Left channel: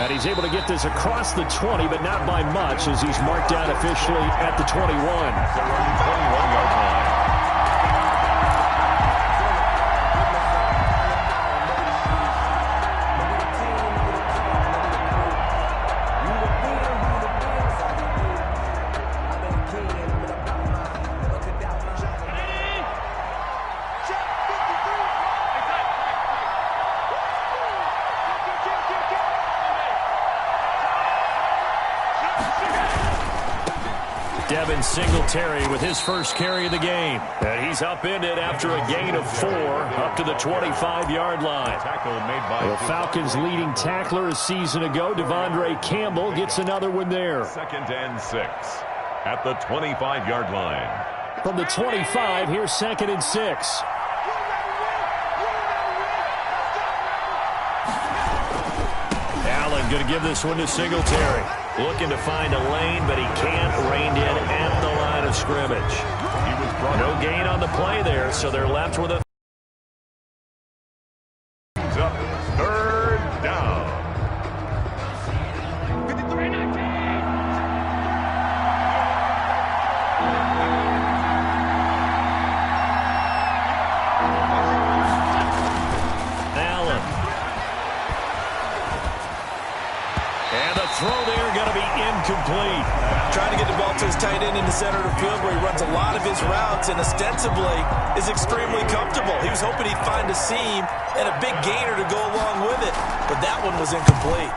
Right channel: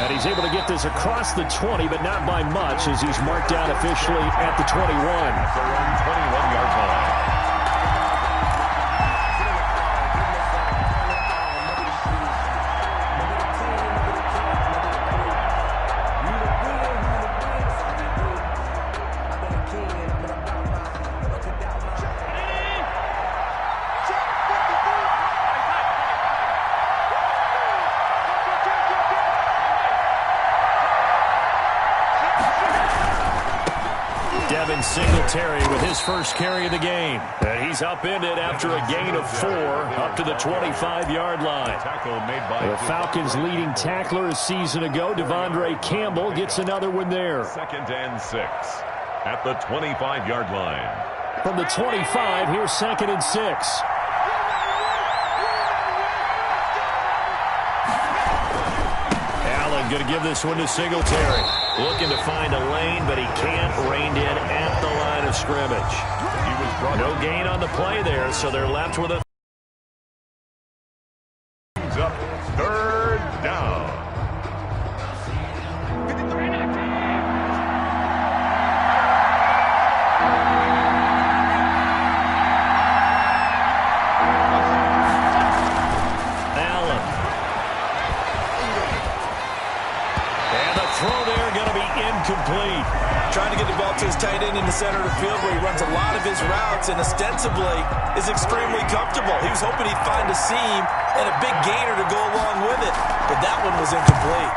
And he's able to get this across the 20, but not by much, as he's marked down officially at the 21. At their own 21-yard line. Singletary with his first carry of the game. And he's upended after a gain of 4 up to the 25-yard line. The Falcons' leading tackler a season ago, Devondre Campbell, gets another one there. 2nd and 6 at the 25-yard line. From the 25, here's 2nd and 6. Allen going to give this one to Singletary. Looking to find a lane, but he can't. Reined in at the line of scrimmage. No gain on the play there, so they're left with a... Up 3rd down. Allen. And the throw there going to be incomplete. Trying to get the ball to his tight end in the center of the field where he runs a lot of his routes and ostensibly is extremely comfortable. He was hoping he'd find a seam and a big gainer to go along with it, but that one was incomplete.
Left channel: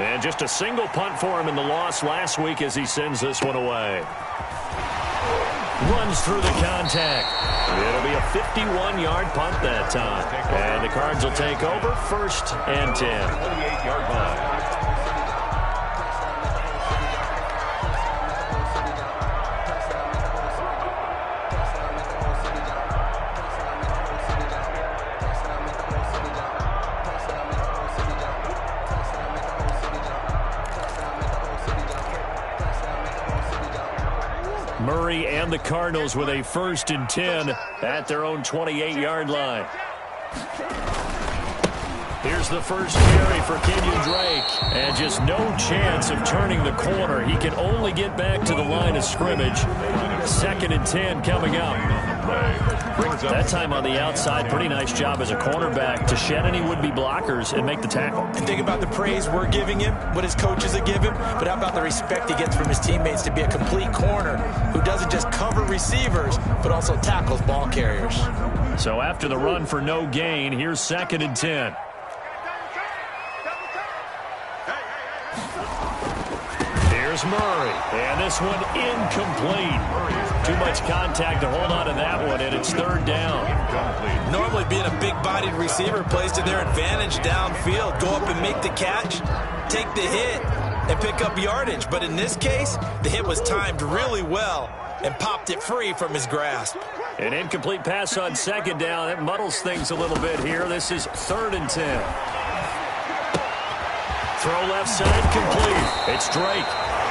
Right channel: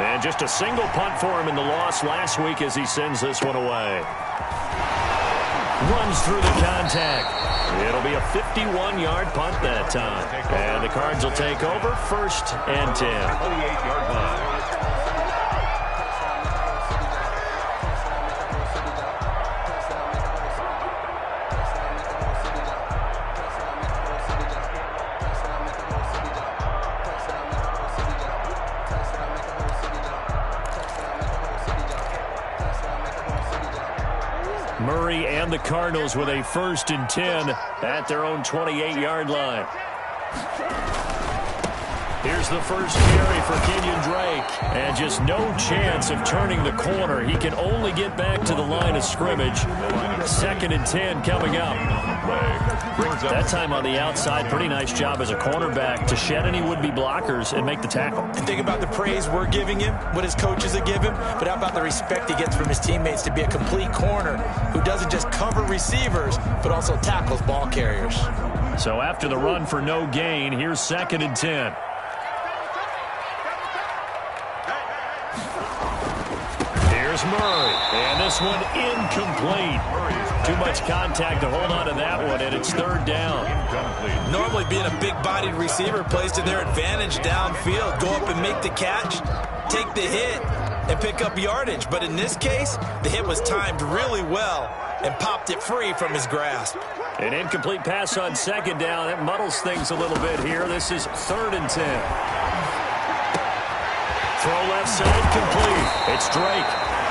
And just a single punt for him in the loss last week as he sends this one away. Runs through the contact. It'll be a 51-yard punt that time. And the Cards will take over 1st and 10. 28-yard line. Murray and the Cardinals with a 1st and 10 at their own 28-yard line. Here's the first carry for Kenyon Drake. And just no chance of turning the corner. He can only get back to the line of scrimmage. 2nd and 10 coming up. That time on the outside, pretty nice job as a cornerback to shed any would-be blockers and make the tackle. And think about the praise we're giving him, what his coaches are giving, but how about the respect he gets from his teammates to be a complete corner who doesn't just cover receivers, but also tackles ball carriers. So after the run for no gain, here's 2nd and 10. Here's Murray, and this one incomplete. Too much contact to hold on to that one, and it's 3rd down. Normally being a big-bodied receiver plays to their advantage downfield. Go up and make the catch, take the hit, and pick up yardage. But in this case, the hit was timed really well and popped it free from his grasp. An incomplete pass on 2nd down. It muddles things a little bit here. This is 3rd and 10. Throw left side complete. It's Drake.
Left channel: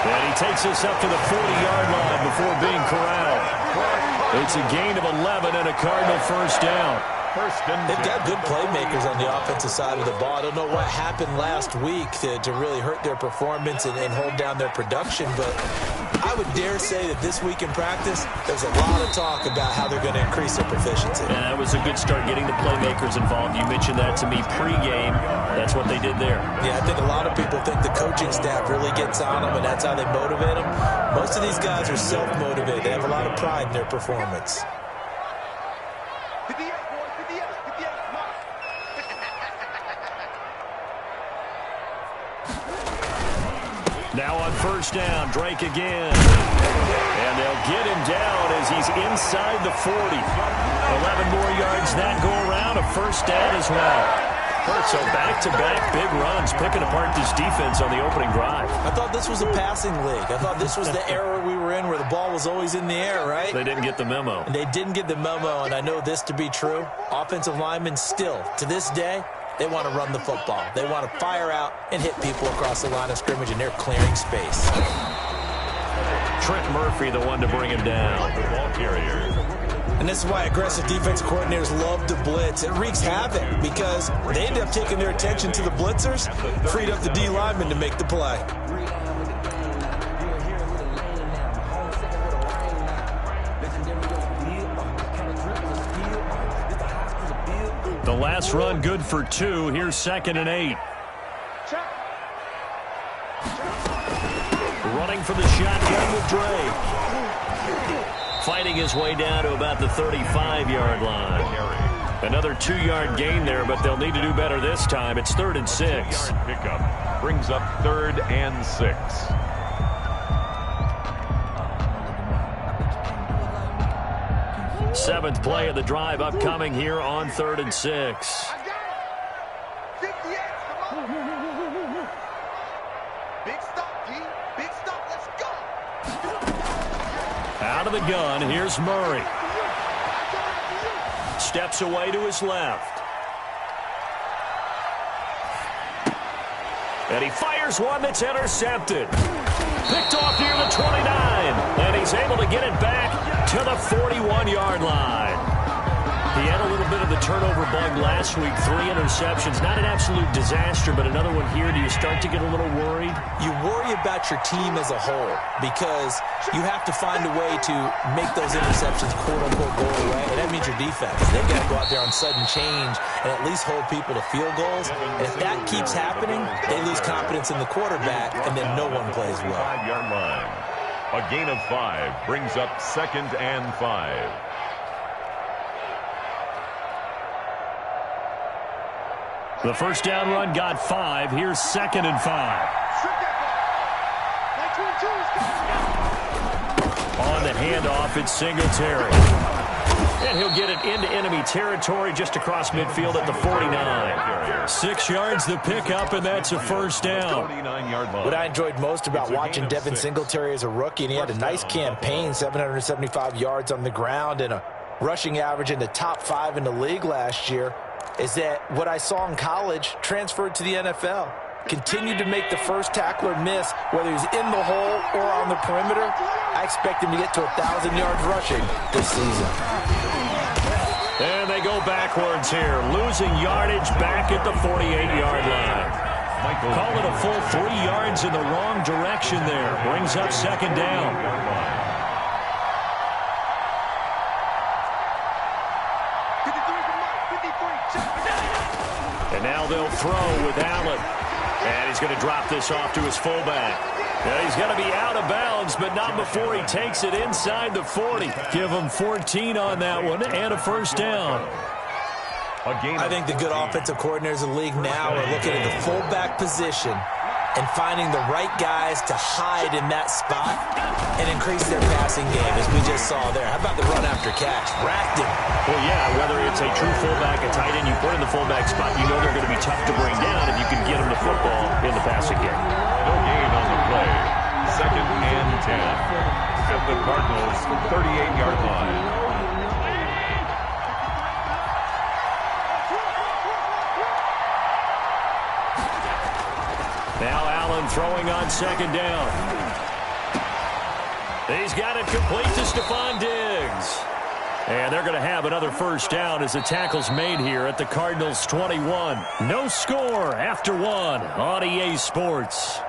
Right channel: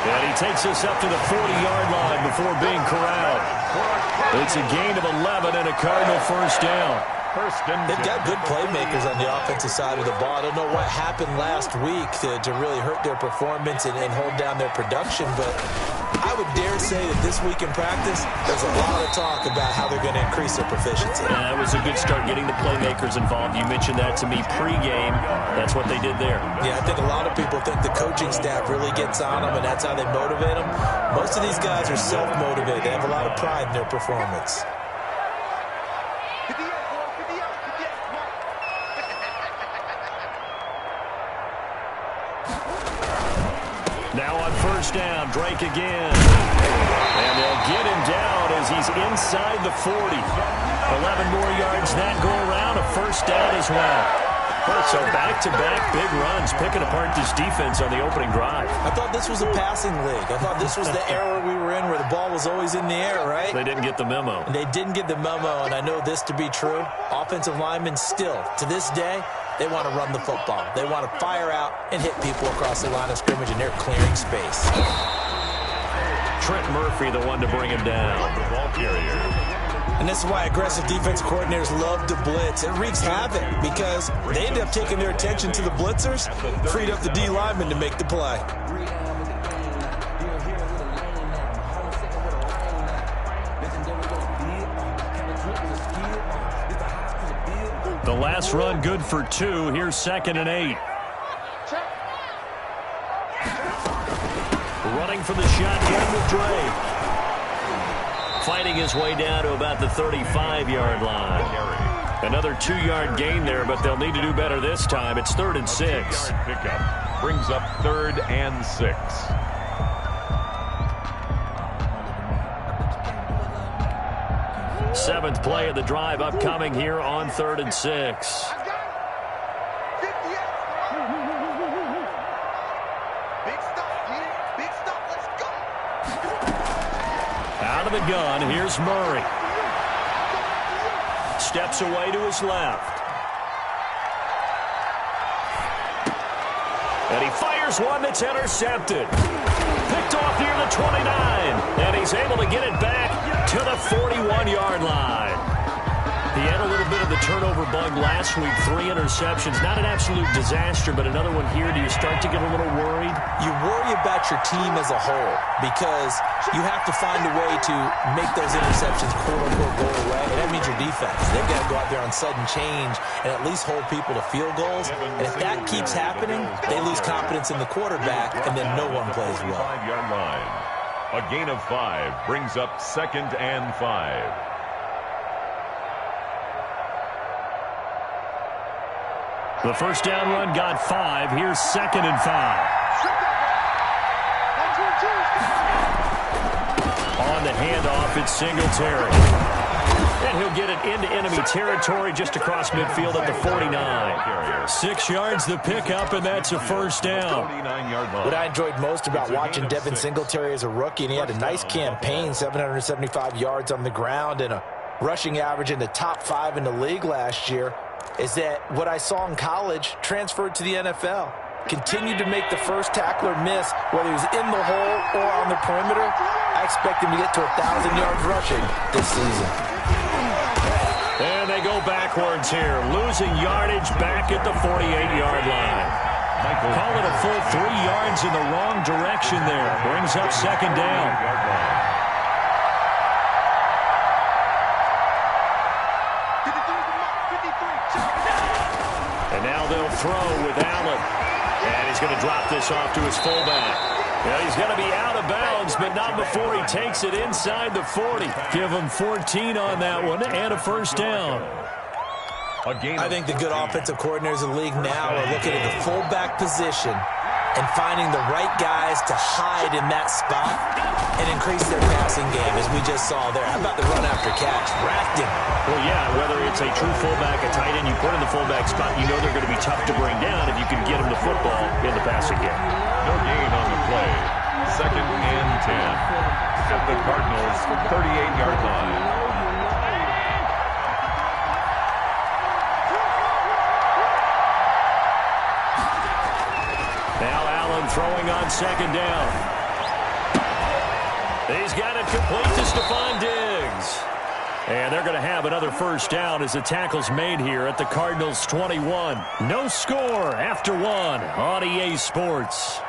And he takes us up to the 40-yard line before being corralled. It's a gain of 11 and a Cardinal 1st down. They've got good playmakers on the offensive side of the ball. I don't know what happened last week to really hurt their performance and hold down their production, but I would dare say that this week in practice, there's a lot of talk about how they're going to increase their proficiency. And that was a good start getting the playmakers involved. You mentioned that to me pregame. That's what they did there. Yeah, I think a lot of people think the coaching staff really gets on them, and that's how they motivate them. Most of these guys are self-motivated. They have a lot of pride in their performance. Now on 1st down, Drake again. And they'll get him down as he's inside the 40. 11 more yards that go around, a 1st down as well. So back-to-back big runs, picking apart this defense on the opening drive. I thought this was a passing league. I thought this was the era we were in where the ball was always in the air, right? They didn't get the memo. And they didn't get the memo, and I know this to be true. Offensive linemen still, to this day, they want to run the football. They want to fire out and hit people across the line of scrimmage, and they're clearing space. Trent Murphy, the one to bring him down. The ball carrier. And this is why aggressive defense coordinators love to blitz. It wreaks havoc because they end up taking their attention to the blitzers, freed up the D lineman to make the play. The last run good for 2. Here's 2nd and 8. Running for the shotgun with Drake. Fighting his way down to about the 35-yard line. Another 2-yard gain there, but they'll need to do better this time. It's 3rd and 6. Pickup brings up 3rd and 6. Seventh play of the drive upcoming here on 3rd and 6. Out of the gun, here's Murray. Steps away to his left. And he fires one that's intercepted. Picked off near the 29. And he's able to get it back to the 41-yard line. He had a little bit of the turnover bug last week. 3 interceptions. Not an absolute disaster, but another one here. Do you start to get a little worried? You worry about your team as a whole because you have to find a way to make those interceptions, quote-unquote, go away. And that means your defense. They've got to go out there on sudden change and at least hold people to field goals. And if that keeps happening, they lose confidence in the quarterback, and then no one plays well. 5-yard line. A gain of 5 brings up 2nd and 5. The first down run got 5. Here's 2nd and 5. On the handoff, it's Singletary. And he'll get it into enemy territory just across midfield at the 49. 6 yards the pickup, and that's a first down. What I enjoyed most about watching Devin Singletary as a rookie, and he had a nice campaign, 775 yards on the ground and a rushing average in the top 5 in the league last year, is that what I saw in college transferred to the NFL. Continued to make the first tackler miss, whether he's in the hole or on the perimeter. I expect him to get to 1,000 yards rushing this season. And they go backwards here, losing yardage back at the 48-yard line. Call it a full 3 yards in the wrong direction there. Brings up 2nd down. And now they'll throw with Allen. And he's going to drop this off to his fullback. Now he's going to be out of bounds, but not before he takes it inside the 40. Give him 14 on that one and a first down. I think the good offensive coordinators in the league now are looking at the fullback position and finding the right guys to hide in that spot and increase their passing game, as we just saw there. How about the run after catch? Racked him. Well, yeah, whether it's a true fullback, a tight end, you put in the fullback spot, you know they're going to be tough to bring down if you can get them the football in the passing game. No gain on the play. 2nd and 10 at the Cardinals' 38-yard line. Now Allen throwing on 2nd down. He's got it complete to Stephon Diggs. And they're going to have another first down as the tackle's made here at the Cardinals' 21. No score after 1 on EA Sports.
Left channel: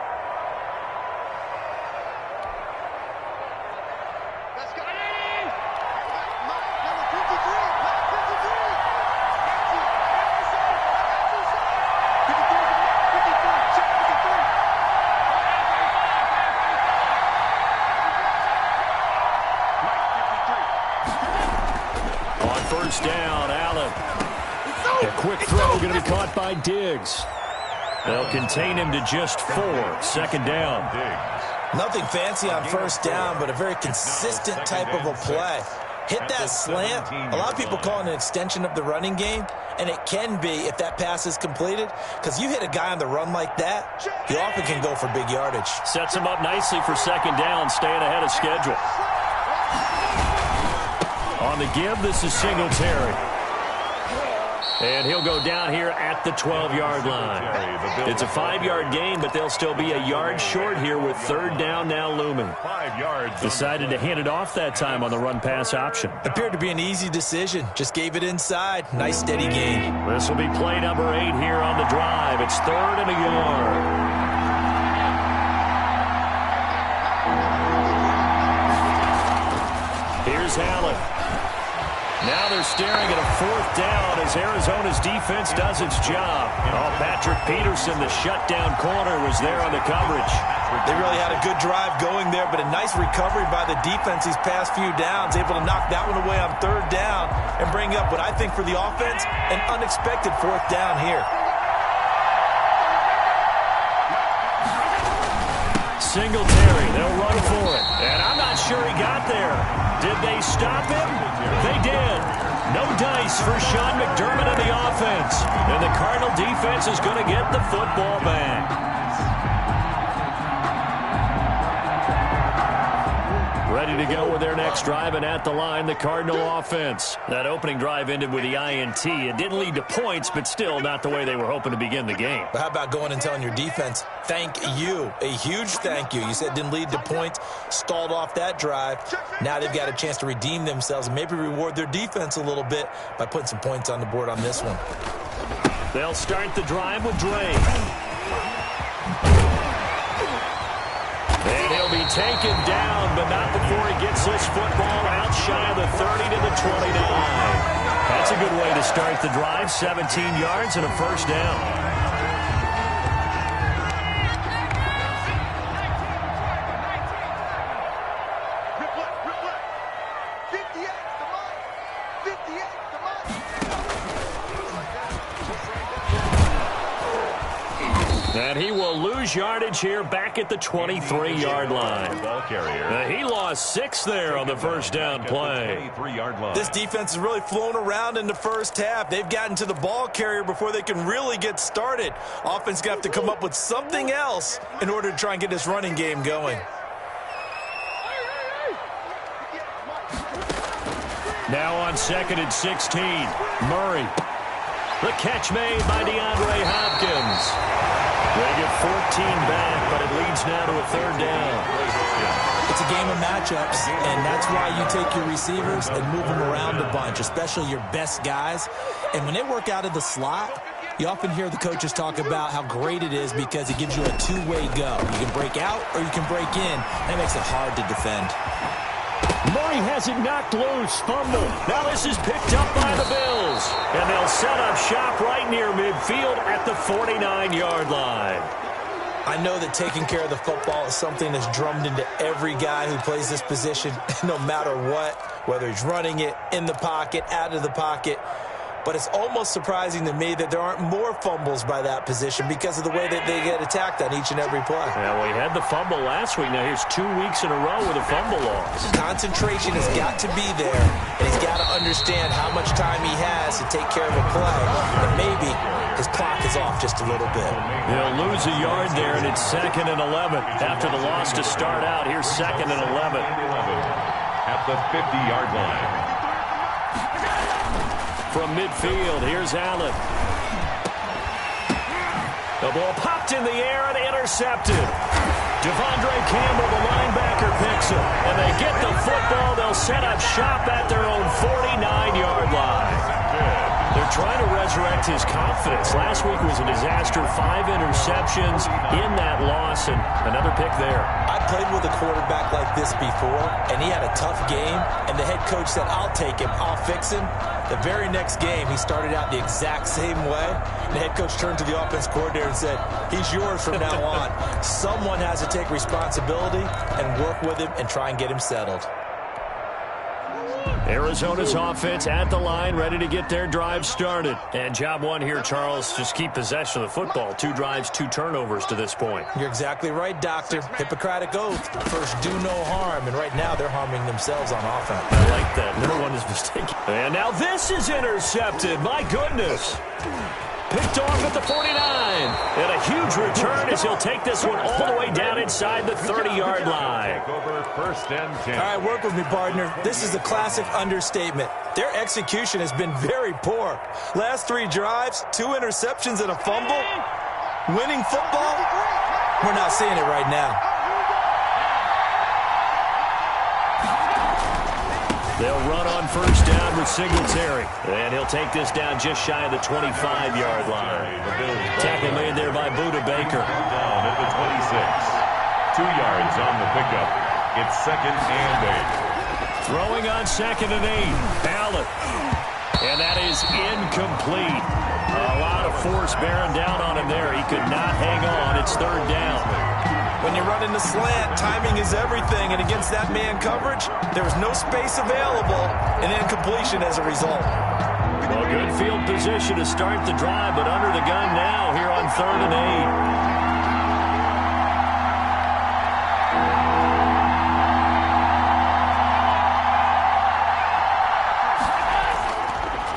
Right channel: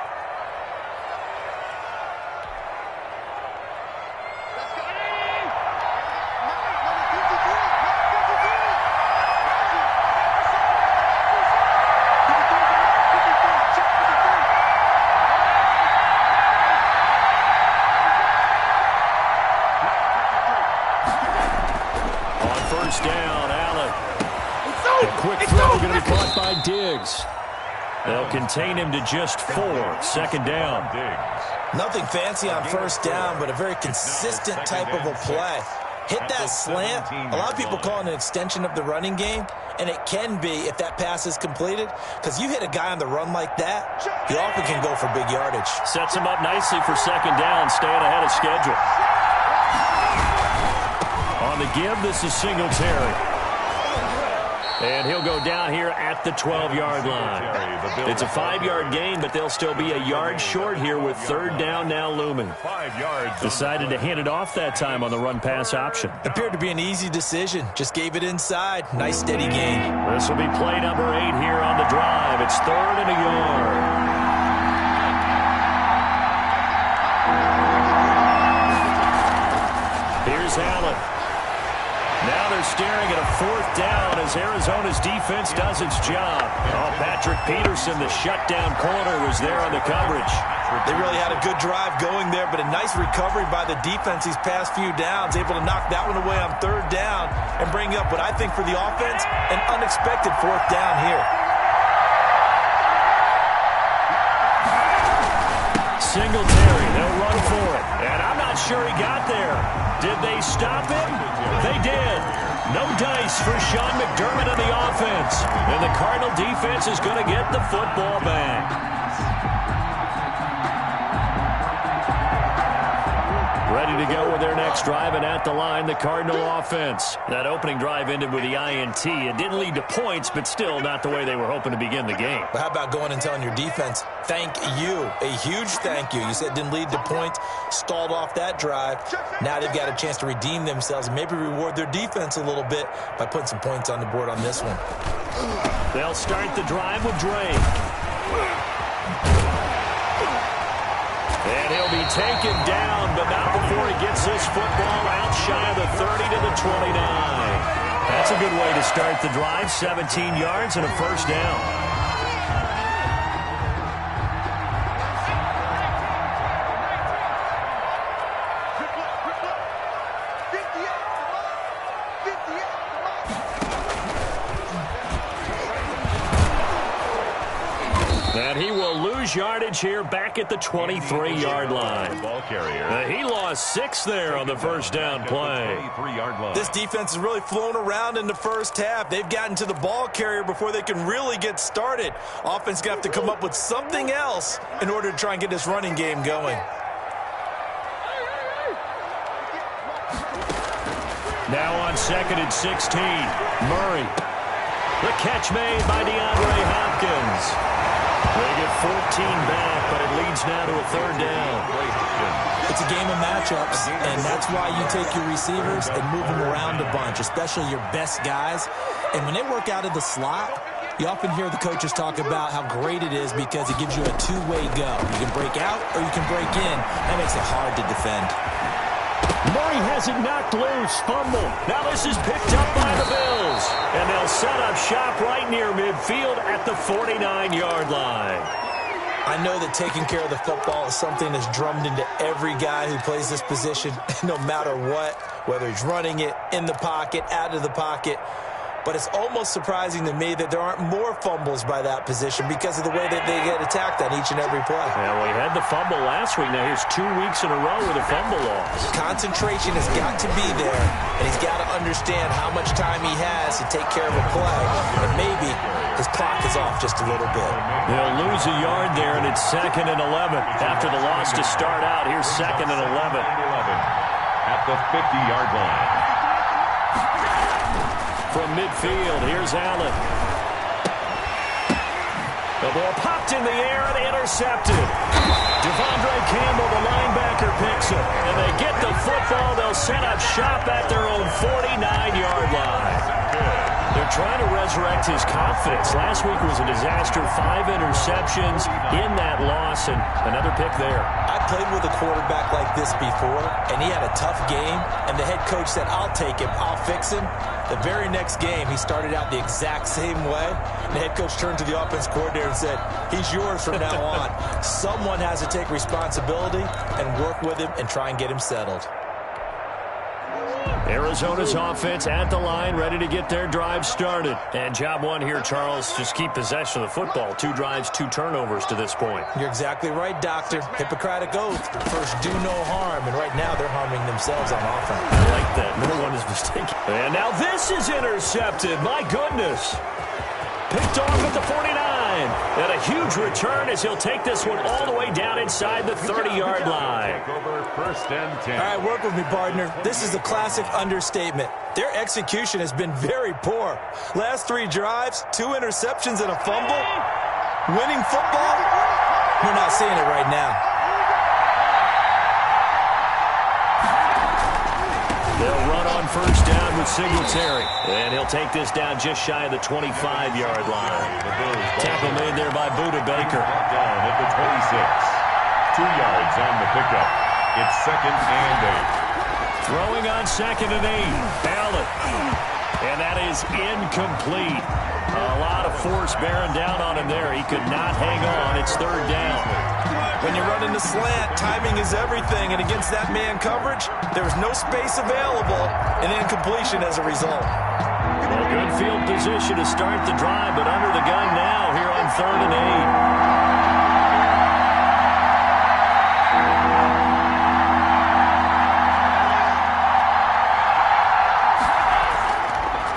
First down, Allen. A quick throw going to be caught by Diggs. They'll contain him to just 4. 2nd down. Nothing fancy on first down, but a very consistent type of a play. Hit that slant. A lot of people call it an extension of the running game, and it can be if that pass is completed, because you hit a guy on the run like that, he often can go for big yardage. Sets him up nicely for 2nd down, staying ahead of schedule. On the give, this is Singletary. And he'll go down here at the 12-yard line. It's a 5-yard gain, but they'll still be a yard short here with third down now looming. 5 yards. Decided to hand it off that time on the run-pass option. Appeared to be an easy decision. Just gave it inside. Nice, steady gain. This will be play number 8 here on the drive. It's 3rd and a yard. Here's Allen. Now they're staring at a 4th down as Arizona's defense does its job. Oh, Patrick Peterson, the shutdown corner, was there on the coverage. They really had a good drive going there, but a nice recovery by the defense these past few downs, able to knock that one away on 3rd down and bring up what I think for the offense, an unexpected 4th down here. Singletary, they'll run for it. And I'm not sure he got there. Did they stop him? They did. No dice for Sean McDermott on the offense. And the Cardinal defense is going to get the football back. Ready to go with their next drive, and at the line, the Cardinal offense. That opening drive ended with the INT. It didn't lead to points, but still not the way they were hoping to begin the game. But how about going and telling your defense, thank you, a huge thank you. You said it didn't lead to points, stalled off that drive. Now they've got a chance to redeem themselves and maybe reward their defense a little bit by putting some points on the board on this one. They'll start the drive with Drake. And he'll be taken down, but not before he gets this football out shy of the 30 to the 29. That's a good way to start the drive, 17 yards and a 1st down. And he will lose yardage here back at the 23-yard line. Ball carrier. He lost 6 there on the 1st down play. 23-yard line. This defense has really flown around in the first half. They've gotten to the ball carrier before they can really get started. Offense got to come up with something else in order to try and get this running game going. Now on 2nd and 16, Murray. The catch made by DeAndre Hopkins. They get 14 back, but it leads now to a 3rd down. It's a game of matchups, and that's why you take your receivers and move them around a bunch, especially your best guys. And when they work out of the slot, you often hear the coaches talk about how great it is because it gives you a two-way go. You can break out or you can break in. That makes it hard to defend. Murray has it knocked loose. Fumble. Now this is picked up by the Bills. And they'll set up shop right near midfield at the 49-yard line. I know that taking care of the football is something that's drummed into every guy who plays this position, no matter what, whether he's running it, in the pocket, out of the pocket. But it's almost surprising to me that there aren't more fumbles by that position because of the way that they get attacked on each and every play. Yeah, well, he had the fumble last week. Now here's 2 weeks in a row with a fumble loss. Concentration has got to be there, and he's got to understand how much time he has to take care of a play. And maybe his clock is off just a little bit. They'll lose a yard there, and it's 2nd and 11. After the loss to start out, here's 2nd and 11. At the 50-yard line. From midfield, here's Allen. The ball popped in the air and intercepted. Devondre Campbell, the linebacker, picks him. And they get the football. They'll set up shop at their own 49-yard line. They're trying to resurrect his confidence. Last week was a disaster. 5 interceptions in that loss, and another pick there. I played with a quarterback like this before, and he had a tough game, and the head coach said, I'll take him, I'll fix him. The very next game, he started out the exact same way. The head coach turned to the offense coordinator and said, he's yours from now on. Someone has to take responsibility and work with him and try and get him settled. Arizona's offense at the line, ready to get their drive started. And job one here, Charles, just keep possession of the football. 2 drives, 2 turnovers to this point. You're exactly right, Doctor. Hippocratic oath. First, do no harm. And right now, they're harming themselves on offense. I like that. No one is mistaken. And now this is intercepted. My goodness. Picked picked off at the 49. And a huge return as he'll take this one all the way down inside the 30-yard line. Over 1st and 10. All right, work with me, partner. This is a classic understatement. Their execution has been very poor. Last 3 drives, 2 interceptions and a fumble. Winning football? We're not seeing it right now. They'll run on 1st down with Singletary. And he'll take this down just shy of the 25-yard line. Tackle made there by Budda Baker. Down at the 26. 2 yards on the pickup. It's 2nd and 8. Throwing on 2nd and 8. Allen. And that is incomplete. A lot of force bearing down on him there. He could not hang on. It's 3rd down. When you're running the slant, timing is everything. And against that man coverage, there was no space available, and incompletion as a result. Well, good field position to start the drive, but under the gun now here on 3rd and 8.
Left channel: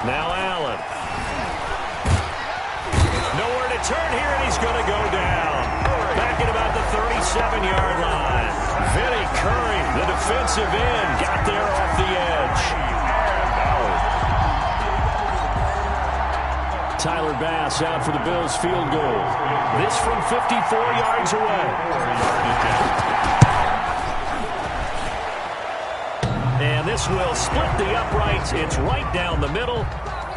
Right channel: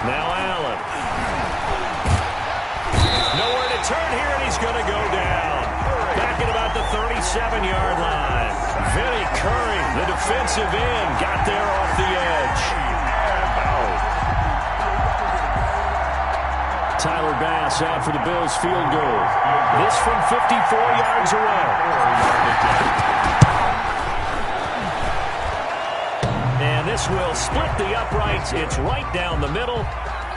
Now Allen. Nowhere to turn here, and he's going to go down. Back at about the 37-yard line. Vinny Curry, the defensive end, got there off the edge. And out. Tyler Bass out for the Bills field goal. This from 54 yards away. 4 yards. And this will split the uprights. It's right down the middle.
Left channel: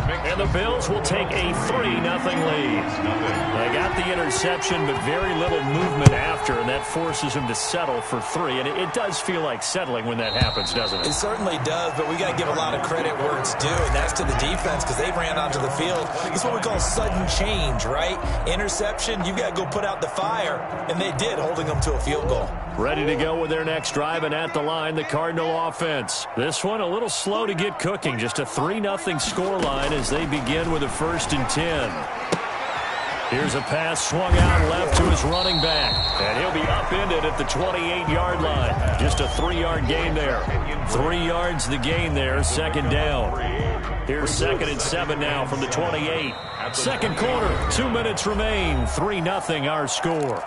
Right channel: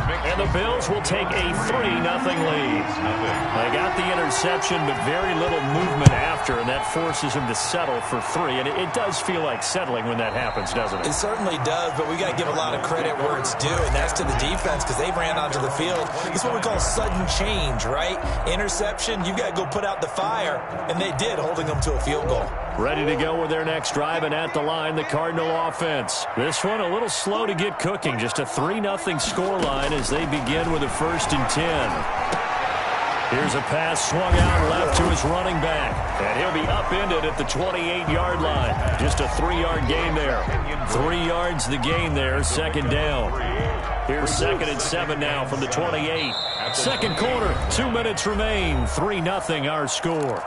And the Bills will take a 3-0 lead. They got the interception, but very little movement after, and that forces him to settle for 3. And it does feel like settling when that happens, doesn't it? It certainly does, but we got to give a lot of credit where it's due, and that's to the defense because they ran onto the field. It's what we call sudden change, right? Interception, you got to go put out the fire, and they did, holding them to a field goal. Ready to go with their next drive, and at the line, the Cardinal offense. This one a little slow to get cooking. Just a 3-0 scoreline as they begin with a 1st and 10. Here's a pass swung out left to his running back, and he'll be upended at the 28-yard line. Just a 3-yard gain there. 3 yards the gain there, 2nd down. Here's 2nd and 7 now from the 28. 2nd quarter, 2 minutes remain. 3-0 our score.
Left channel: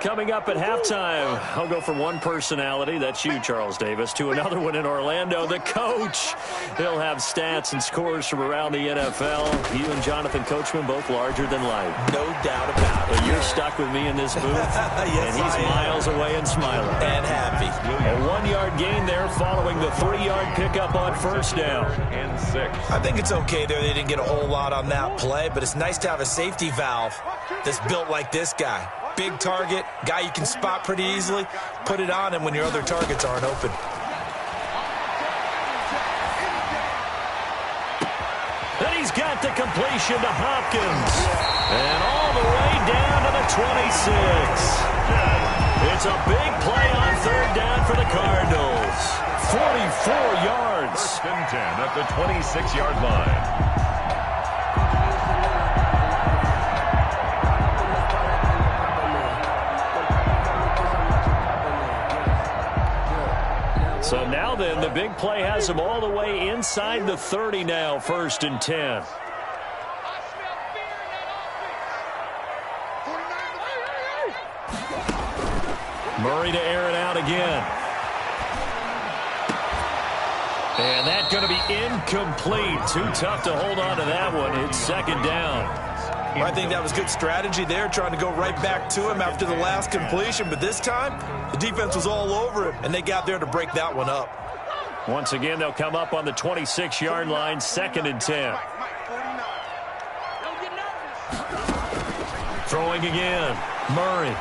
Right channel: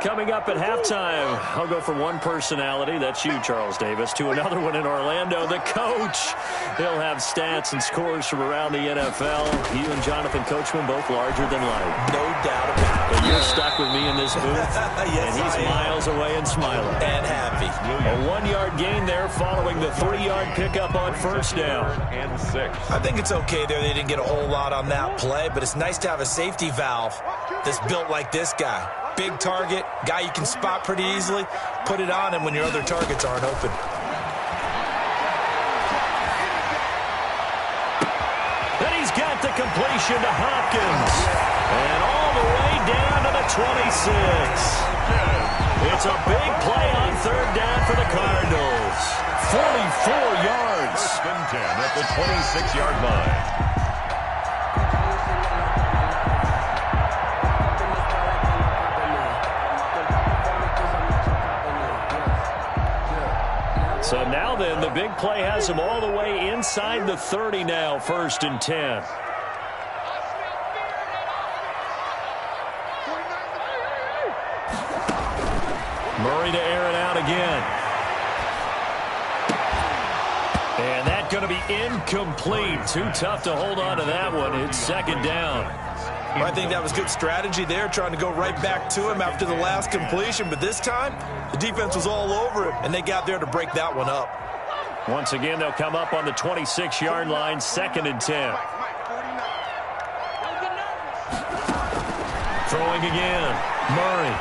Coming up at halftime, I'll go from one personality, that's you, Charles Davis, to another one in Orlando, the coach. He'll have stats and scores from around the NFL. You and Jonathan Coachman, both larger than life. No doubt about it. But you're stuck with me in this booth, yes, and he's miles away and smiling. And happy. A 1-yard gain there following the 3-yard pickup on 1st down. And 6. I think it's okay there. They didn't get a whole lot on that play, but it's nice to have a safety valve that's built like this guy. Big target, guy you can spot pretty easily. Put it on him when your other targets aren't open. Then he's got the completion to Hopkins. And all the way down to the 26. It's a big play on 3rd down for the Cardinals. 44 yards. 1st and 10 at the 26-yard line. So now then, the big play has him all the way inside the 30 now, 1st and 10. Murray to air it out again. And that's going to be incomplete. Too tough to hold on to that one. It's 2nd down. Well, I think that was good strategy there, trying to go right back to him after the last completion. But this time, the defense was all over him, and they got there to break that one up. Once again, they'll come up on the 26-yard line, 2nd and 10. Throwing again, Murray.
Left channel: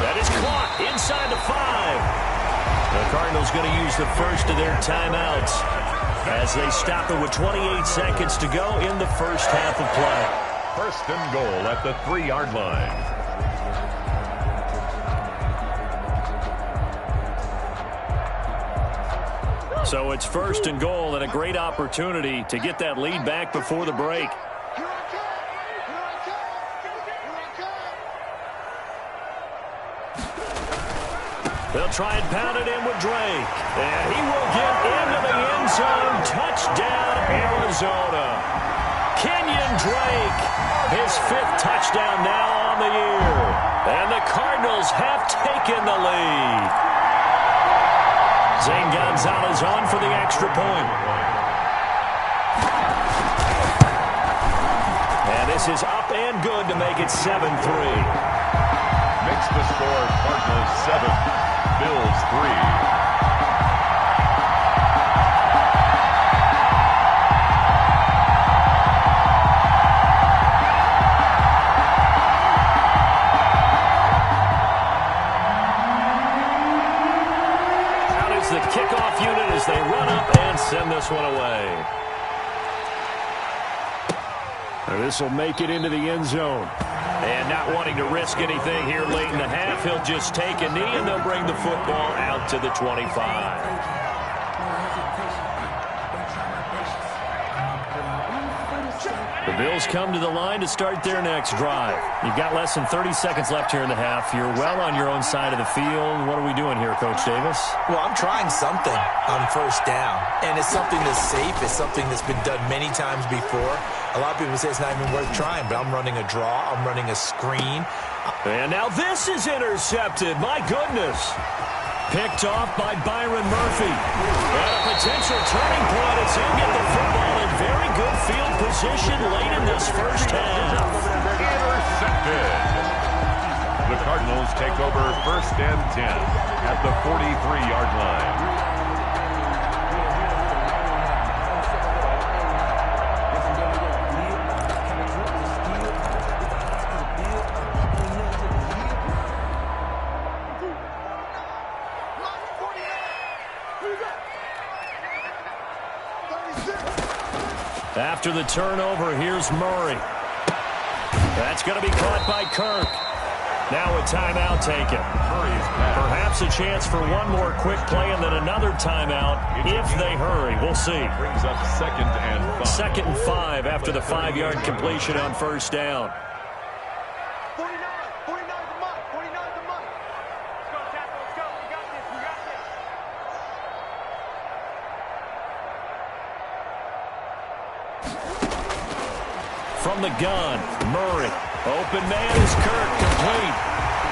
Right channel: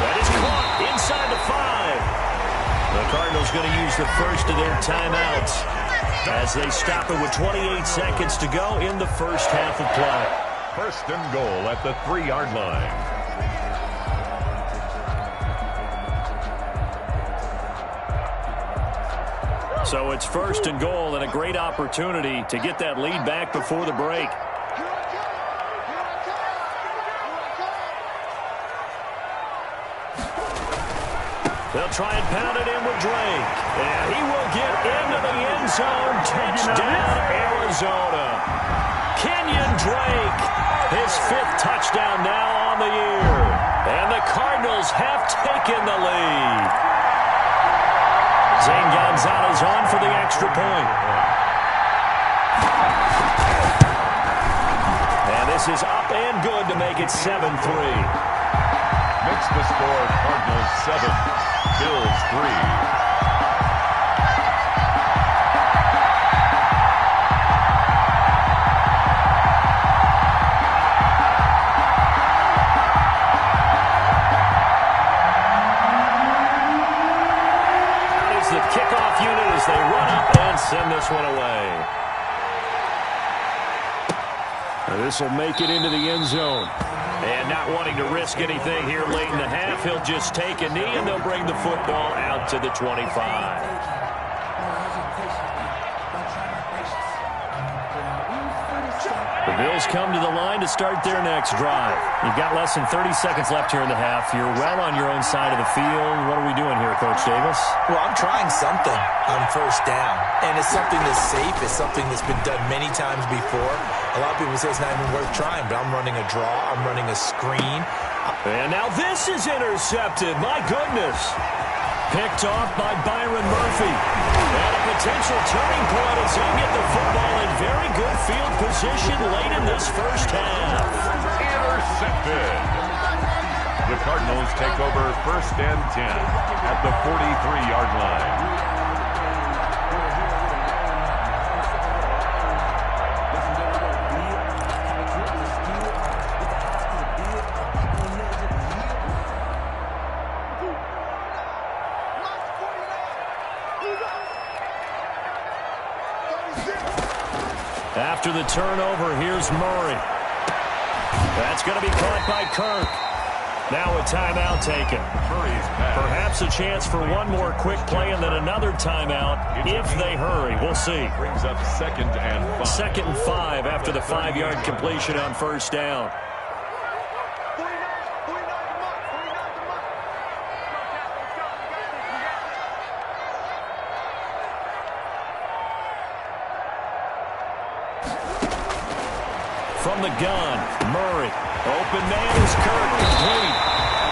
That is caught inside the 5. The Cardinals going to use the first of their timeouts as they stop it with 28 seconds to go in the first half of play. 1st and goal at the 3-yard line. So it's 1st and goal and a great opportunity to get that lead back before the break. They'll try and pound it in with Drake. And he will get into the end zone. Touchdown, Arizona. Kenyon Drake, his 5th touchdown now on the year. And the Cardinals have taken the lead. Zane Gonzalez on for the extra point. And this is up and good to make it 7-3. Makes the score Cardinals 7, Bills 3. Out is the kickoff unit as they run up and send this one away. This will make it into the end zone. And not wanting to risk anything here late in the half, he'll just take a knee and they'll bring the football out to the 25. The Bills come to the line to start their next drive. You've got less than 30 seconds left here in the half. You're well on your own side of the field. What are we doing here, Coach Davis? Well, I'm trying something on first down, and it's something that's safe. It's something that's been done many times before. A lot of people say it's not even worth trying, but I'm running a draw. I'm running a screen. And now this is intercepted. My goodness. Picked off by Byron Murphy. And a potential turning point as he'll get the football in very good field position late in this first half. Intercepted. The Cardinals take over 1st and 10 at the 43-yard line. After the turnover, here's Murray. That's going to be caught by Kirk. Now a timeout taken. Perhaps a chance for one more quick play and then another timeout if they hurry. We'll see. Brings up 2nd and 5. 2nd and 5 after the 5-yard completion on first down. From the gun, Murray. Open man is Kirk, complete.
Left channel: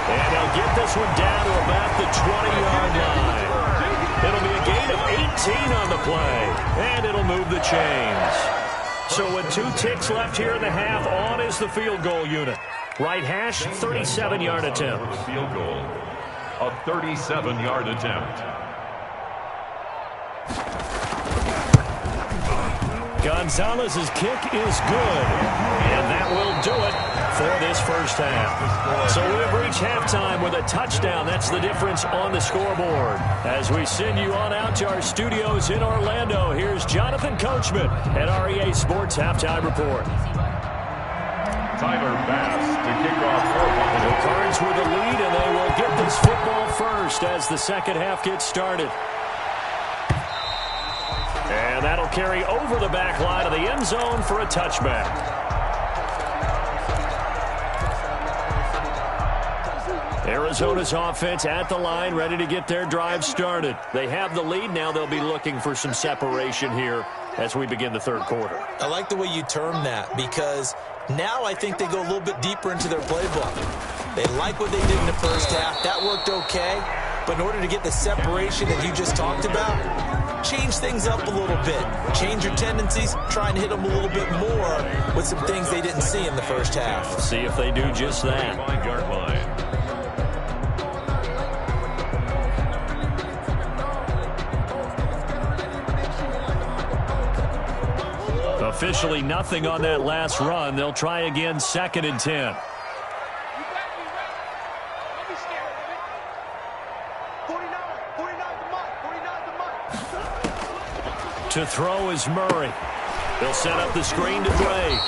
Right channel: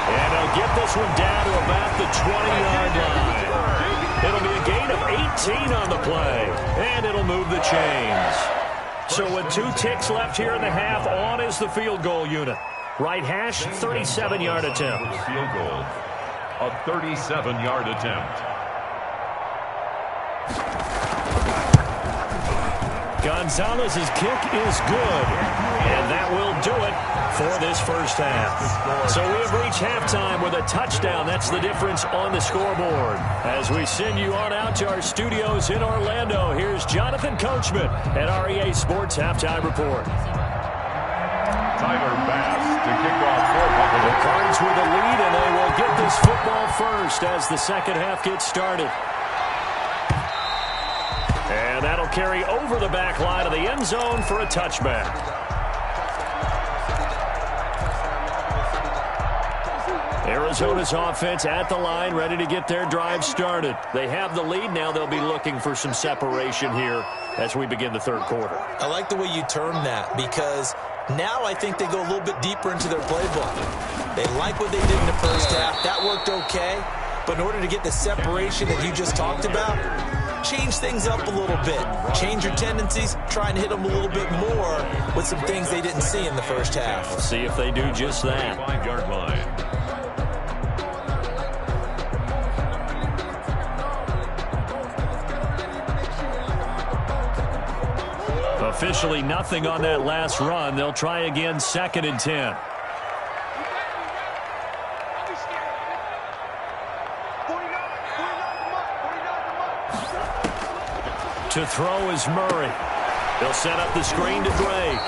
And he'll get this one down to about the 20-yard line. It'll be a gain of 18 on the play, and it'll move the chains. So with 2 ticks left here in the half, on is the field goal unit. Right hash, 37-yard attempt. Field goal, a 37-yard attempt. Gonzalez's kick is good, and that will do it for this first half. So we have reached halftime with a touchdown. That's the difference on the scoreboard. As we send you on out to our studios in Orlando, here's Jonathan Coachman at REA Sports Halftime Report. Tyler Bass to kick off for Buffalo. The Cards with a lead, and they will get this football first as the second half gets started. And that'll carry over the back line of the end zone for a touchback. Arizona's offense at the line, ready to get their drive started. They have the lead. Now they'll be looking for some separation here as we begin the third quarter. I like the way you term that, because now I think they go a little bit deeper into their playbook. They like what they did in the first half. That worked okay. But in order to get the separation that you just talked about, change things up a little bit. Change your tendencies. Try and hit them a little bit more with some things they didn't see in the first half. We'll see if they do just that. 5-yard line. Officially nothing on that last run. They'll try again, 2nd and 10. To throw is Murray. He'll set up the screen to Drake.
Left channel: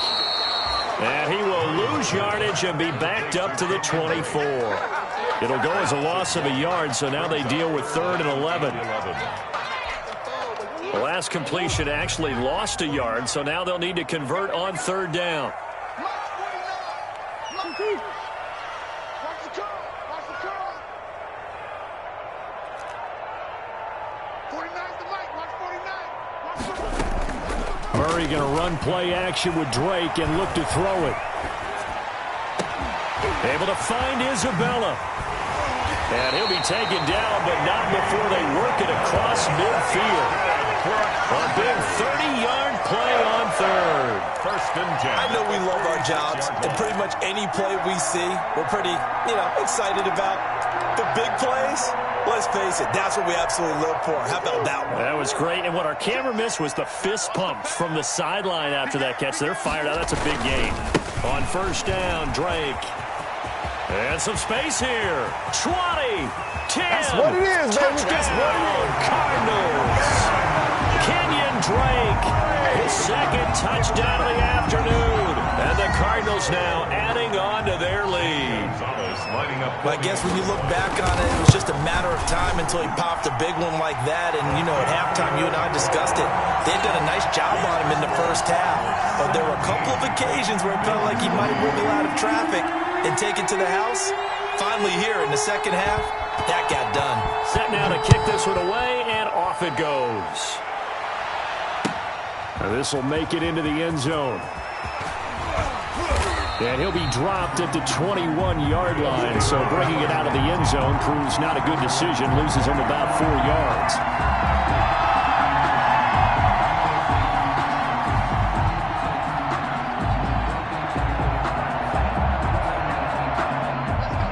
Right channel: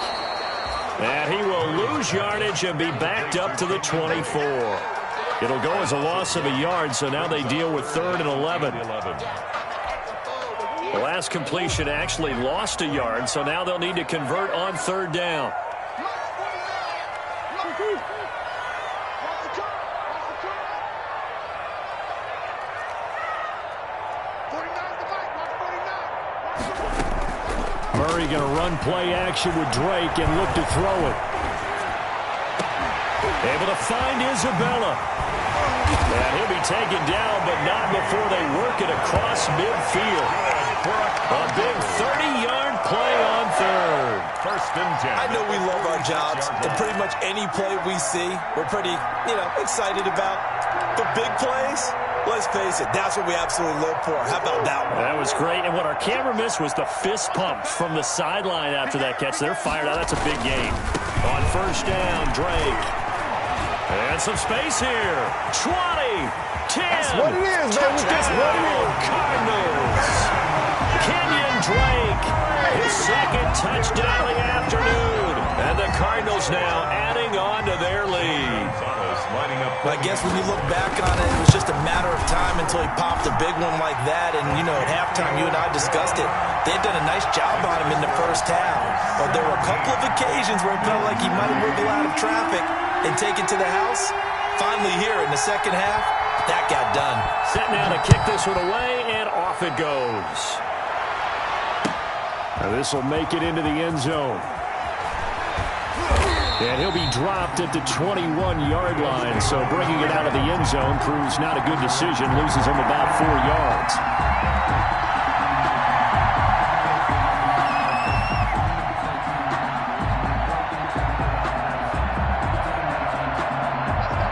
And he will lose yardage and be backed up to the 24. It'll go as a loss of a yard, so now they deal with 3rd and 11. The last completion actually lost a yard, so now they'll need to convert on 3rd down. Murray going to run play action with Drake and look to throw it. Able to find Isabella. And he'll be taken down, but not before they work it across midfield. A big 30-yard play on third. First and 10. I know we love our jobs, and pretty much any play we see, we're pretty, excited about. But big plays, let's face it, that's what we absolutely live for. How about that one? That was great, and what our camera missed was the fist pump from the sideline after that catch. They're fired out. That's a big gain. On first down, Drake. And some space here. 20, 10. That's what it is, baby. That's what it is. Cardinals. Kenyon Drake, his second touchdown of the afternoon. And the Cardinals now adding on to their lead. I guess when you look back on it, it was just a matter of time until he popped a big one like that. And, at halftime, you and I discussed it. They'd done a nice job on him in the first half. But there were a couple of occasions where it felt like he might wiggle out of traffic and take it to the house. Finally here in the second half, that got done. Set now to kick this one away, and off it goes. Now this will make it into the end zone. And he'll be dropped at the 21-yard line, so bringing it out of the end zone proves not a good decision. Loses him about 4 yards.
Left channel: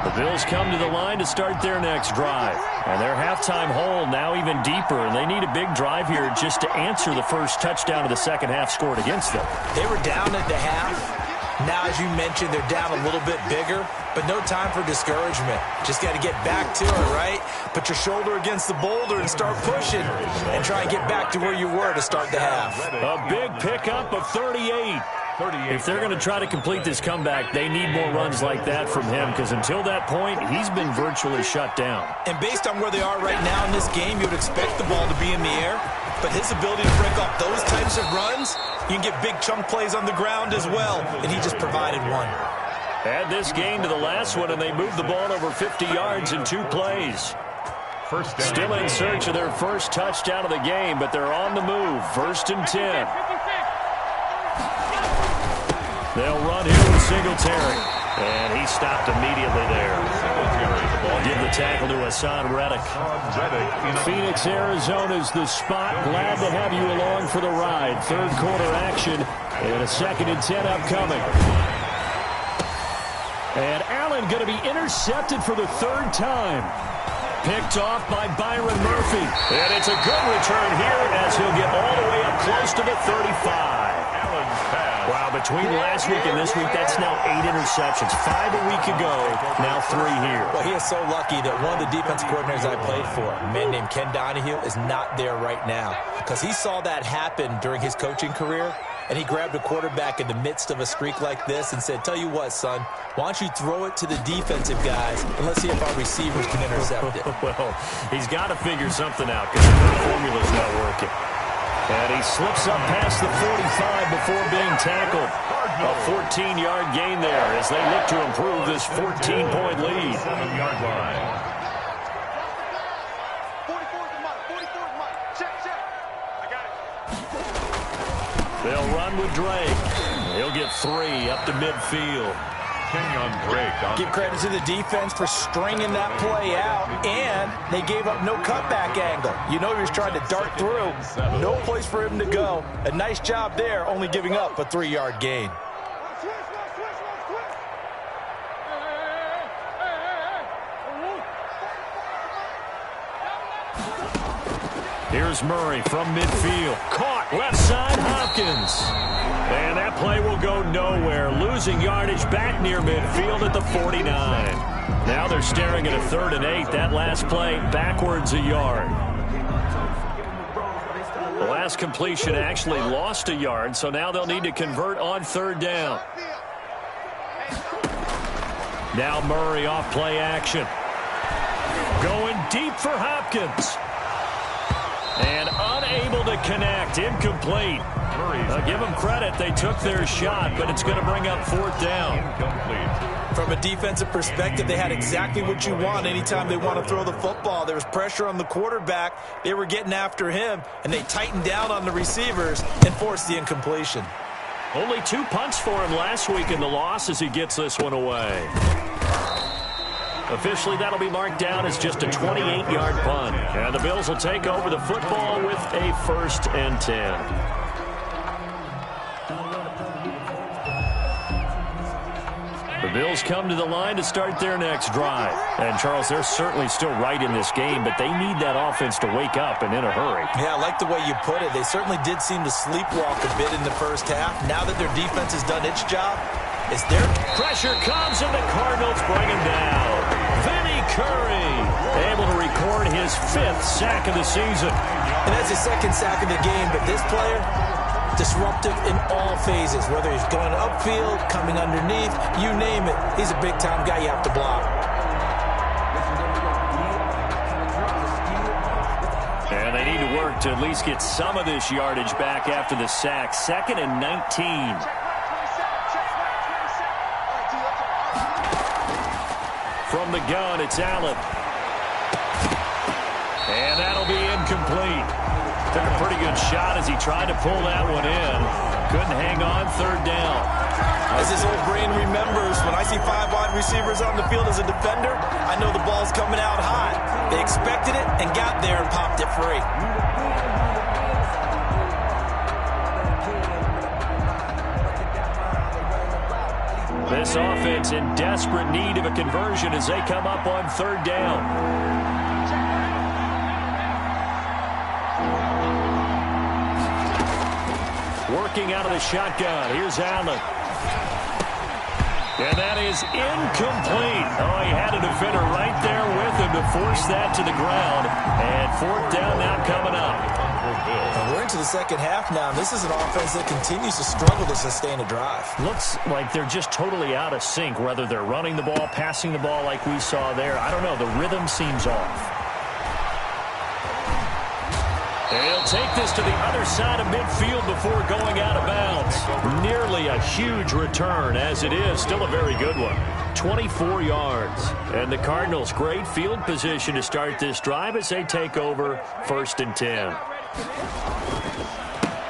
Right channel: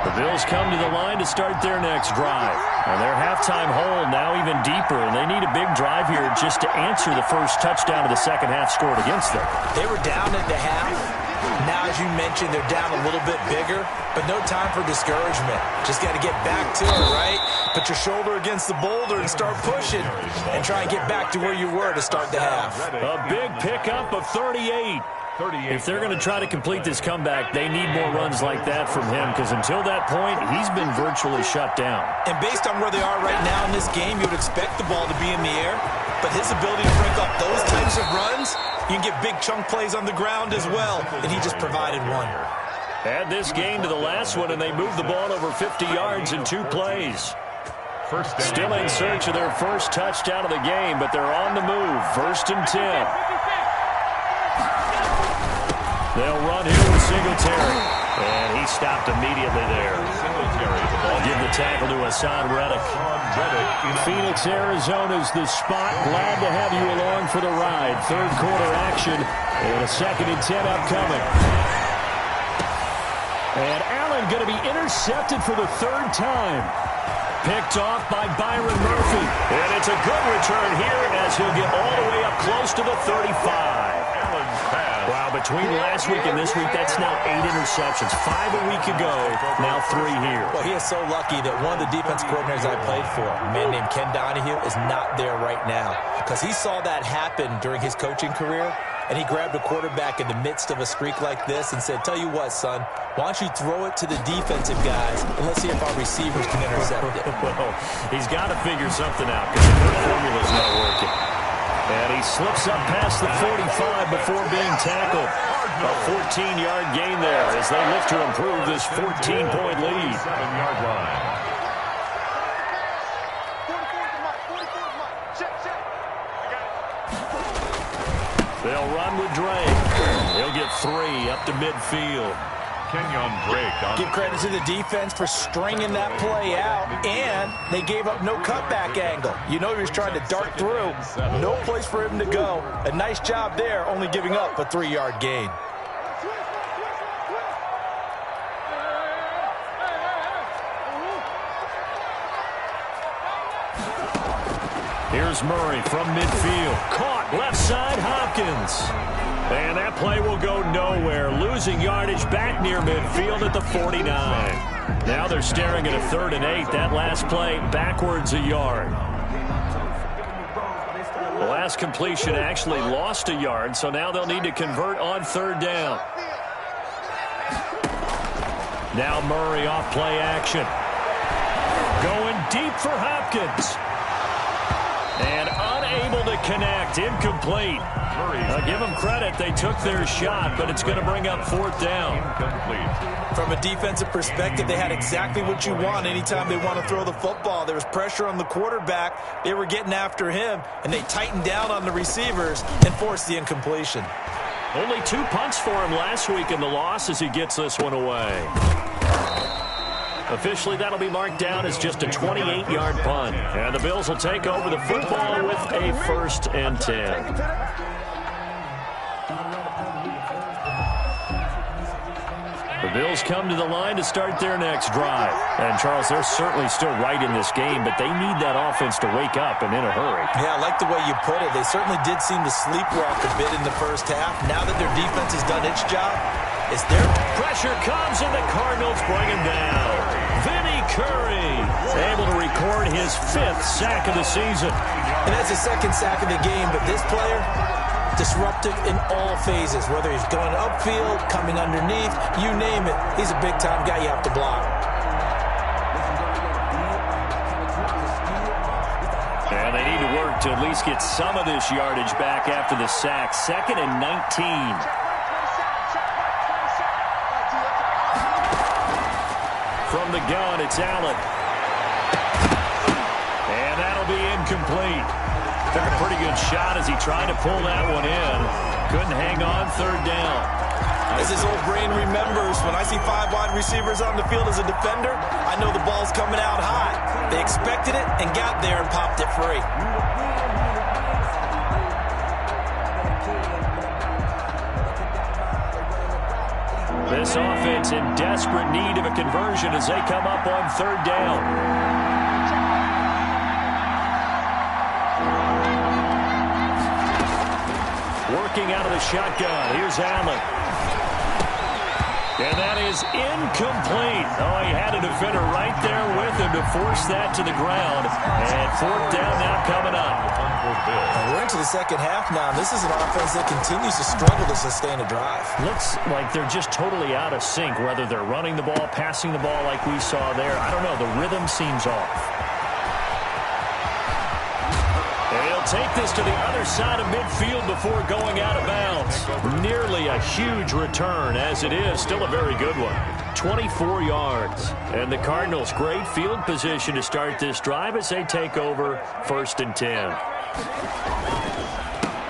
The Bills come to the line to start their next drive. And their halftime hole now even deeper, and they need a big drive here just to answer the first touchdown of the second half scored against them. They were down at the half. Now, as you mentioned, they're down a little bit bigger, but no time for discouragement. Just got to get back to it, right? Put your shoulder against the boulder and start pushing and try and get back to where you were to start the half. A big pickup of 38. If they're going to try to complete this comeback, they need more runs like that from him, because until that point, he's been virtually shut down. And based on where they are right now in this game, you would expect the ball to be in the air, but his ability to break off those types of runs, you can get big chunk plays on the ground as well, and he just provided one. Add this game to the last one, and they moved the ball over 50 yards in 2 plays. Still in search of their first touchdown of the game, but they're on the move. First and 10. They'll run here with Singletary. And he stopped immediately there. I'll give the tackle to Hassan Reddick. Phoenix, Arizona's the spot. Glad to have you along for the ride. Third quarter action and a 2nd and 10 upcoming. And Allen going to be intercepted for the 3rd time. Picked off by Byron Murphy. And it's a good return here as he'll get all the way up close to the 35. Wow, between last week and this week, that's now 8 interceptions. 5 a week ago, now 3 here. Well, he is so lucky that one of the defense coordinators I played for, a man named Ken Donahue, is not there right now. Because he saw that happen during his coaching career, and he grabbed a quarterback in the midst of a streak like this and said, tell you what, son, why don't you throw it to the defensive guys, and let's see if our receivers can intercept it. Well, he's got to figure something out because the formula's not working. And he slips up past the 45 before being tackled. A 14-yard gain there as they look to improve this 14-point lead. 7-yard line. They'll run with Drake. He'll get 3 up to midfield. Kenyon Drake. Give credit to the defense for stringing that play out, and they gave up no cutback angle. You know he was trying to dart through. No place for him to go. A nice job there, only giving up a 3-yard gain. Here's Murray from midfield. Caught left side, Hopkins. And that play will go nowhere. Losing yardage back near midfield at the 49. Now they're staring at a 3rd and 8. That last play backwards a yard. The last completion actually lost a yard, so now they'll need to convert on 3rd down. Now Murray off play action. Going deep for Hopkins. And unable to connect. Incomplete. Give them credit. They took their shot, but it's going to bring up fourth down. Incomplete. From a defensive perspective, they had exactly what you want anytime they want to throw the football. There was pressure on the quarterback. They were getting after him, and they tightened down on the receivers and forced the incompletion. Only 2 punts for him last week in the loss as he gets this one away. Officially, that'll be marked down as just a 28-yard punt. And the Bills will take over the football with a 1st and 10. The Bills come to the line to start their next drive. And, Charles, they're certainly still right in this game, but they need that offense to wake up and in a hurry. Yeah, I like the way you put it. They certainly did seem to sleepwalk a bit in the first half. Now that their defense has done its job, it's their pressure comes, and the Cardinals bring him down. Vinny Curry able to record his 5th sack of the season. And that's his 2nd sack of the game, but this player, disruptive in all phases, whether he's going upfield, coming underneath, you name it. He's a big-time guy you have to block. And they need to work to at least get some of this yardage back after the sack. 2nd and 19. From the gun, it's Allen. And that'll be incomplete. Took a pretty good shot as he tried to pull that one in. Couldn't hang on, 3rd down. As his old brain remembers, when I see 5 wide receivers on the field as a defender, I know the ball's coming out hot. They expected it and got there and popped it free. This offense in desperate need of a conversion as they come up on 3rd down. Working out of the shotgun. Here's Allen. And that is incomplete. Oh, he had a defender right there with him to force that to the ground. And 4th down now coming up. And we're into the 2nd half now. This is an offense that continues to struggle to sustain a drive. Looks like they're just totally out of sync, whether they're running the ball, passing the ball like we saw there. I don't know. The rhythm seems off. And he'll take this to the other side of midfield before going out of bounds. Nearly a huge return, as it is. Still a very good one. 24 yards. And the Cardinals, great field position to start this drive as they take over 1st and 10.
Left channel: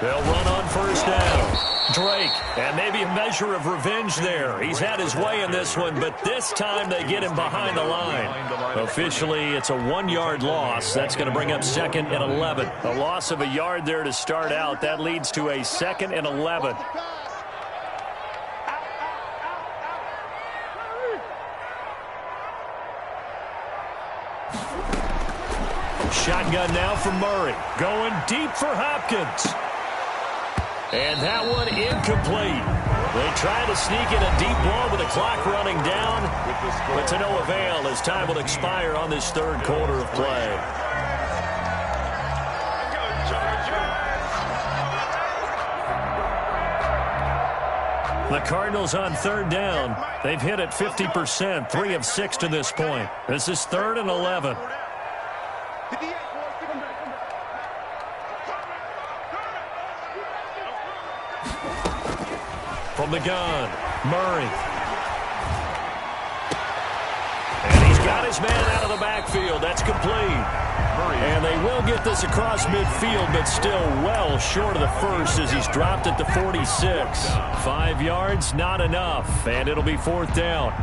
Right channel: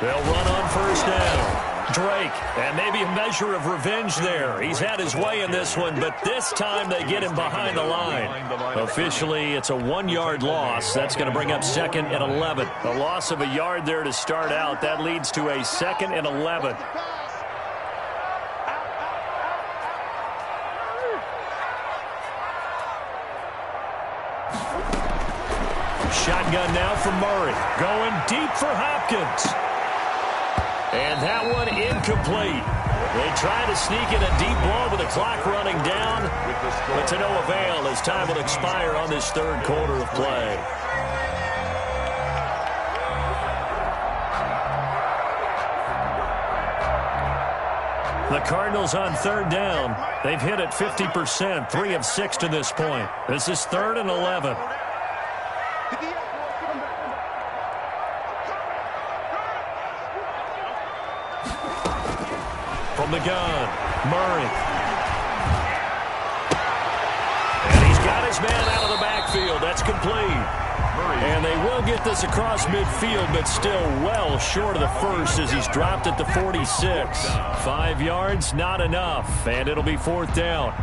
They'll run on 1st down. Drake, and maybe a measure of revenge there. He's had his way in this one, but this time they get him behind the line. Officially, it's a 1-yard loss. That's going to bring up 2nd and 11. A loss of a yard there to start out. That leads to a 2nd and 11. Shotgun now from Murray. Going deep for Hopkins. And that one incomplete. They try to sneak in a deep ball with the clock running down, but to no avail as time will expire on this 3rd quarter of play. The Cardinals on 3rd down. They've hit it 50%, 3 of 6 to this point. This is 3rd and 11. From the gun, Murray. And he's got his man out of the backfield. That's complete. And they will get this across midfield, but still well short of the 1st as he's dropped at the 46. 5 yards, not enough, and it'll be 4th down.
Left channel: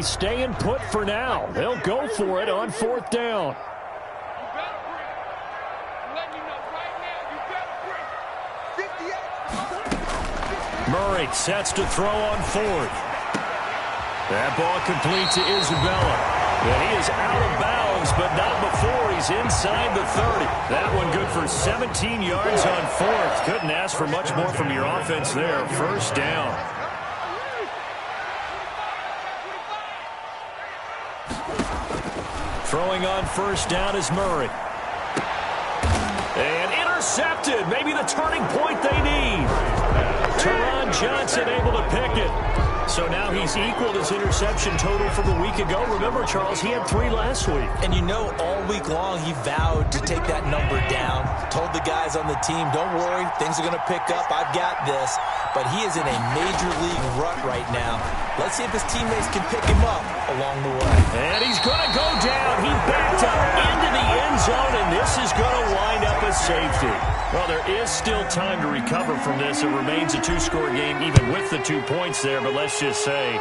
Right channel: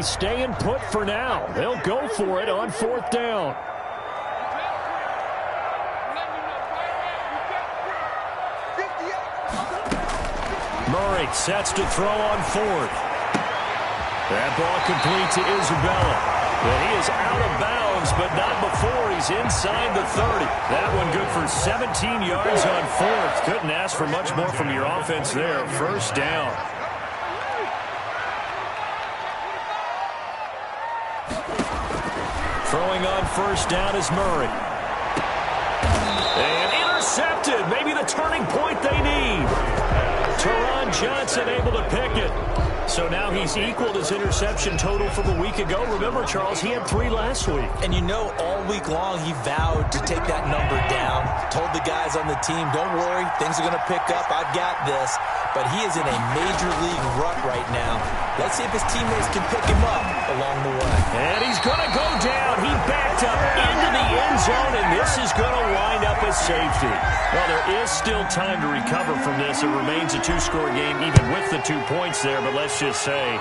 Staying put for now. They'll go for it on 4th down. Murray sets to throw on 4th. That ball complete to Isabella. And he is out of bounds, but not before he's inside the 30. That one good for 17 yards on 4th. Couldn't ask for much more from your offense there. 1st down. Throwing on first down is Murray. And intercepted. Maybe the turning point they need. Teron Johnson able to pick it. So now he's equaled his interception total from a week ago. Remember, Charles, he had 3 last week. And you know, all week long he vowed to take that number down. Told the guys on the team, don't worry, things are going to pick up. I've got this. But he is in a major league rut right now. Let's see if his teammates can pick him up along the way. And he's going to go down. He backed up into the end zone, and this is going to wind up as safety. Well, there is still time to recover from this. It remains a 2-score game even with the 2 points there, but let's just say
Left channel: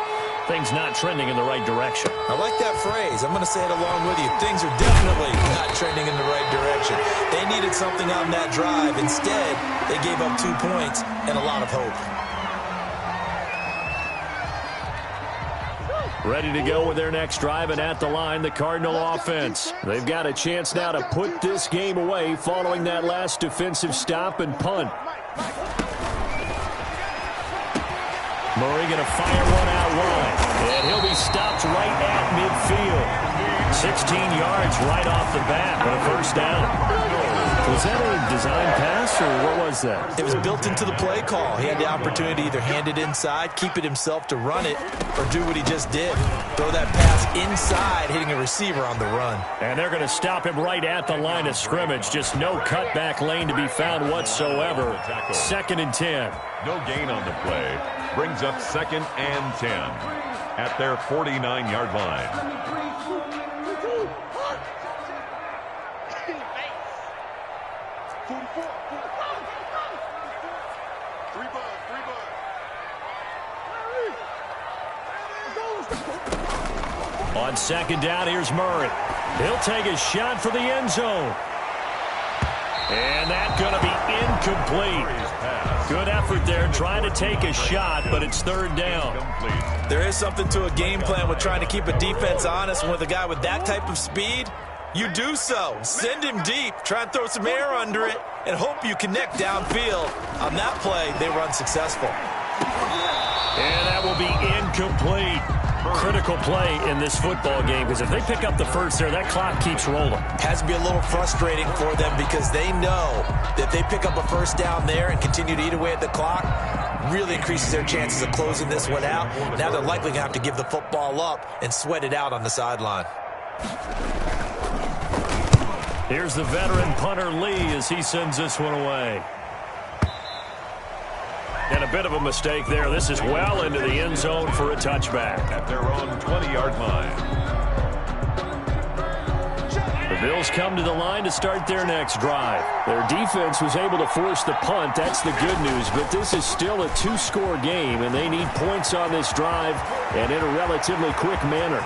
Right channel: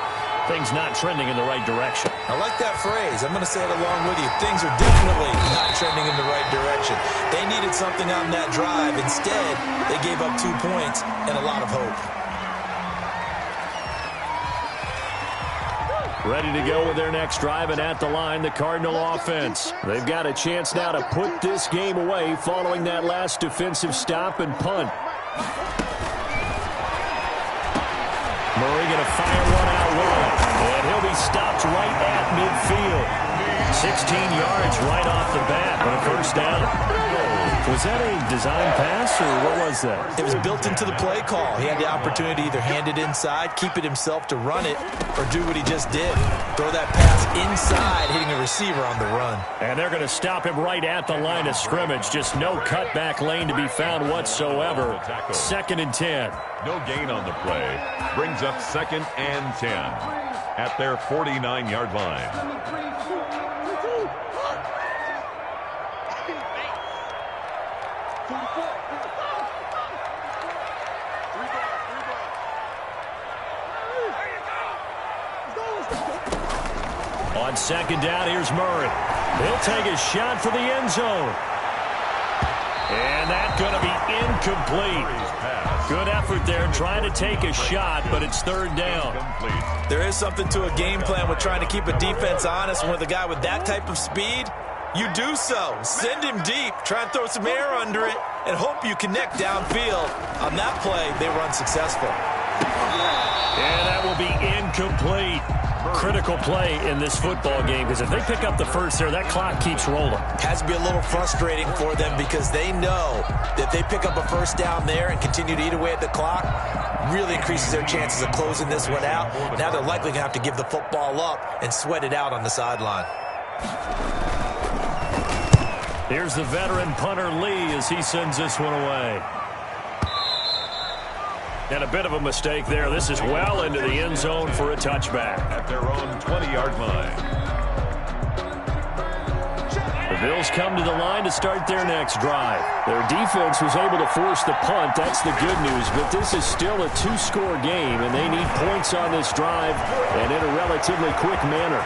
things not trending in the right direction. I like that phrase. I'm going to say it along with you. Things are definitely not trending in the right direction. They needed something on that drive. Instead, they gave up 2 points and a lot of hope. Ready to go with their next drive, and at the line, the Cardinal offense. They've got a chance now to put this game away following that last defensive stop and punt. Murray going to fire one out wide, and he'll be stopped right at midfield. 16 yards right off the bat, but a first down. Was that a design pass, or what was that? It was built into the play call. He had the opportunity to either hand it inside, keep it himself to run it, or do what he just did. Throw that pass inside, hitting a receiver on the run. And they're going to stop him right at the line of scrimmage. Just no cutback lane to be found whatsoever. 2nd and 10. No gain on the play. Brings up 2nd and 10 at their 49-yard line. On 2nd down, here's Murray. He'll take a shot for the end zone. And that's going to be incomplete. Good effort there trying to take a shot, but it's 3rd down. There is something to a game plan with trying to keep a defense honest. With a guy with that type of speed, you do so. Send him deep, try and throw some air under it, and hope you connect downfield. On that play, they were unsuccessful. And that will be incomplete. Critical play in this football game, because if they pick up the first there, that clock keeps rolling. Has to be a little frustrating for them because they know that if they pick up a first down there and continue to eat away at the clock, really increases their chances of closing this one out. Now they're likely going to have to give the football up and sweat it out on the sideline. Here's the veteran punter Lee as he sends this one away. And a bit of a mistake there. This is well into the end zone for a touchback. At their own 20-yard line. The Bills come to the line to start their next drive. Their defense was able to force the punt. That's the good news. But this is still a 2-score game, and they need points on this drive and in a relatively quick manner.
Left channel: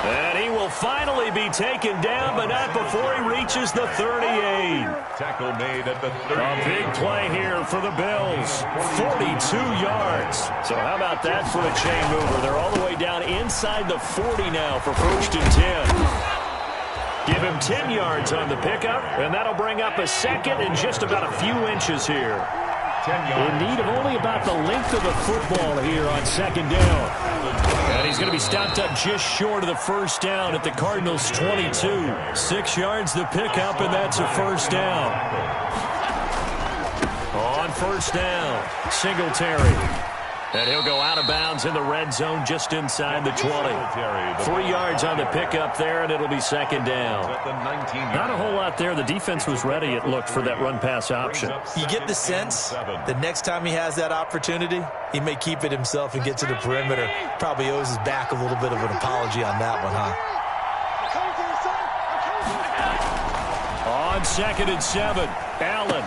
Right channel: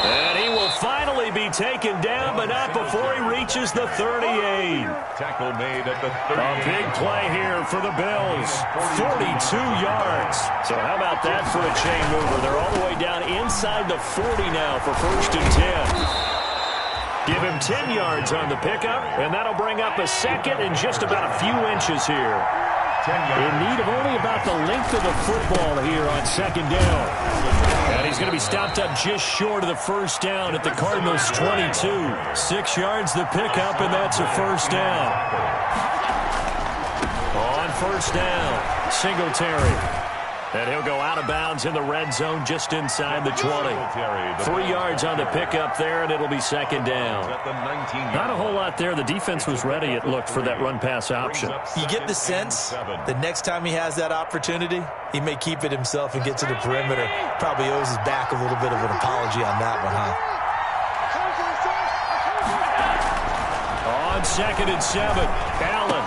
And he will finally be taken down, but not before he reaches the 38. Tackle made at the 38. A big play here for the Bills. 42 yards. So how about that for a chain mover? They're all the way down inside the 40 now for 1st and 10. Give him 10 yards on the pickup, and that'll bring up a 2nd and just about a few inches here. 10 yards. In need of only about the length of the football here on 2nd down. And he's going to be stopped up just short of the first down at the Cardinals' 22. 6 yards the pickup, and that's a first down. On first down, Singletary. And he'll go out of bounds in the red zone just inside the 20. 3 yards on the pickup there, and it'll be 2nd down. Not a whole lot there. The defense was ready, it looked, for that run-pass option. You get the sense the next time he has that opportunity, he may keep it himself and get to the perimeter. Probably owes his back a little bit of an apology on that one, huh? On 2nd and 7, Allen.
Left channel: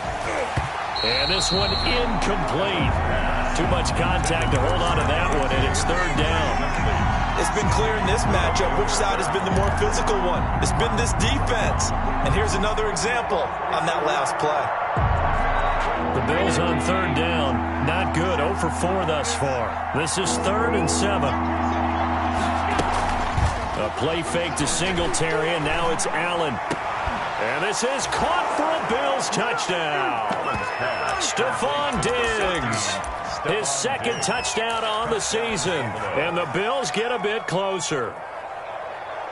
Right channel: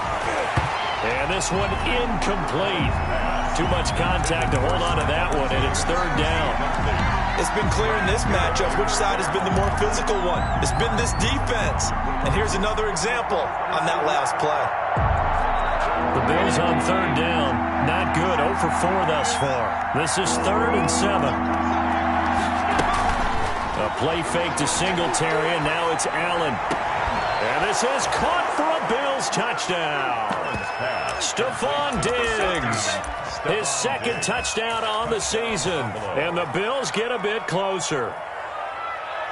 And this one incomplete. Too much contact to hold on to that one, and it's 3rd down. It's been clear in this matchup which side has been the more physical one. It's been this defense. And here's another example on that last play. The Bills on 3rd down. Not good. 0 for 4 thus far. This is 3rd and 7. A play fake to Singletary, and now it's Allen. And this is caught for a Bills touchdown. Stephon Diggs, his 2nd touchdown on the season. And the Bills get a bit closer.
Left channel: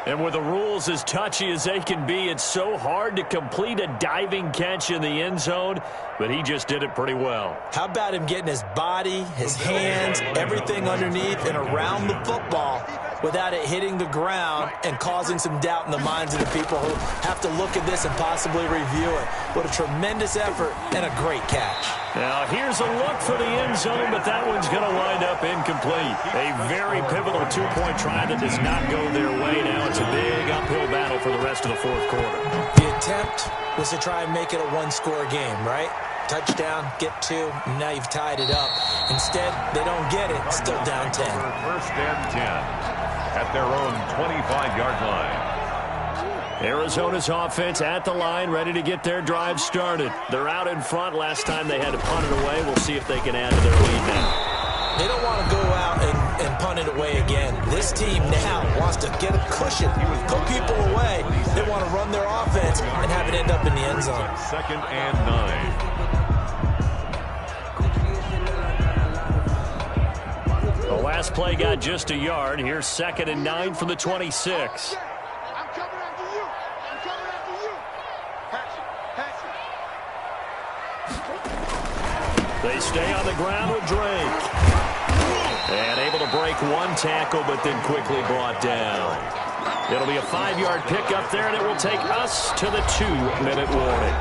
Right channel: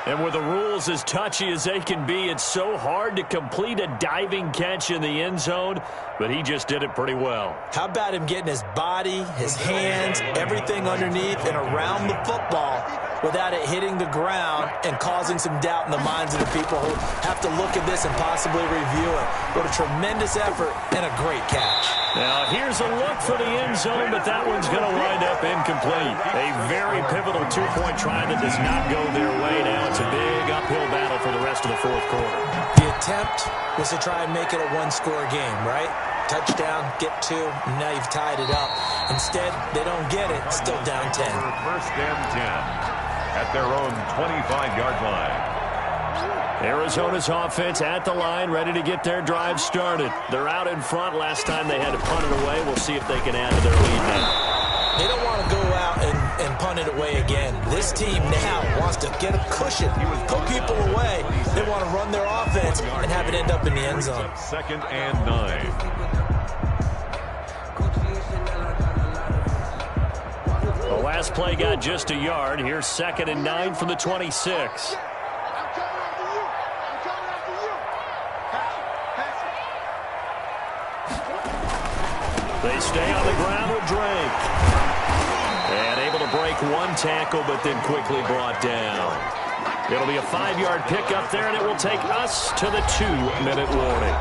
And with the rules as touchy as they can be, it's so hard to complete a diving catch in the end zone, but he just did it pretty well. How about him getting his body, his hands, everything underneath and around the football without it hitting the ground and causing some doubt in the minds of the people who have to look at this and possibly review it. What a tremendous effort and a great catch. Now, here's a look for the end zone, but that one's going to wind up incomplete. A very pivotal two-point try that does not go their way. Now it's a big uphill battle for the rest of the fourth quarter. The attempt was to try and make it a one-score game, right? Touchdown, get two, and now you've tied it up. Instead, they don't get it, still down 10. First and 10 at their own 25-yard line. Arizona's offense at the line, ready to get their drive started. They're out in front. Last time they had to punt it away. We'll see if they can add to their lead now. They don't want to go out and punt it away again. This team now wants to get a cushion, put people away. They want to run their offense and have it end up in the end zone. Second and 9. The last play got just a yard. Here's 2nd and 9 from the 26. They stay on the ground with Drake. And able to break one tackle, but then quickly brought down. It'll be a 5-yard pickup there, and it will take us to the 2-minute warning.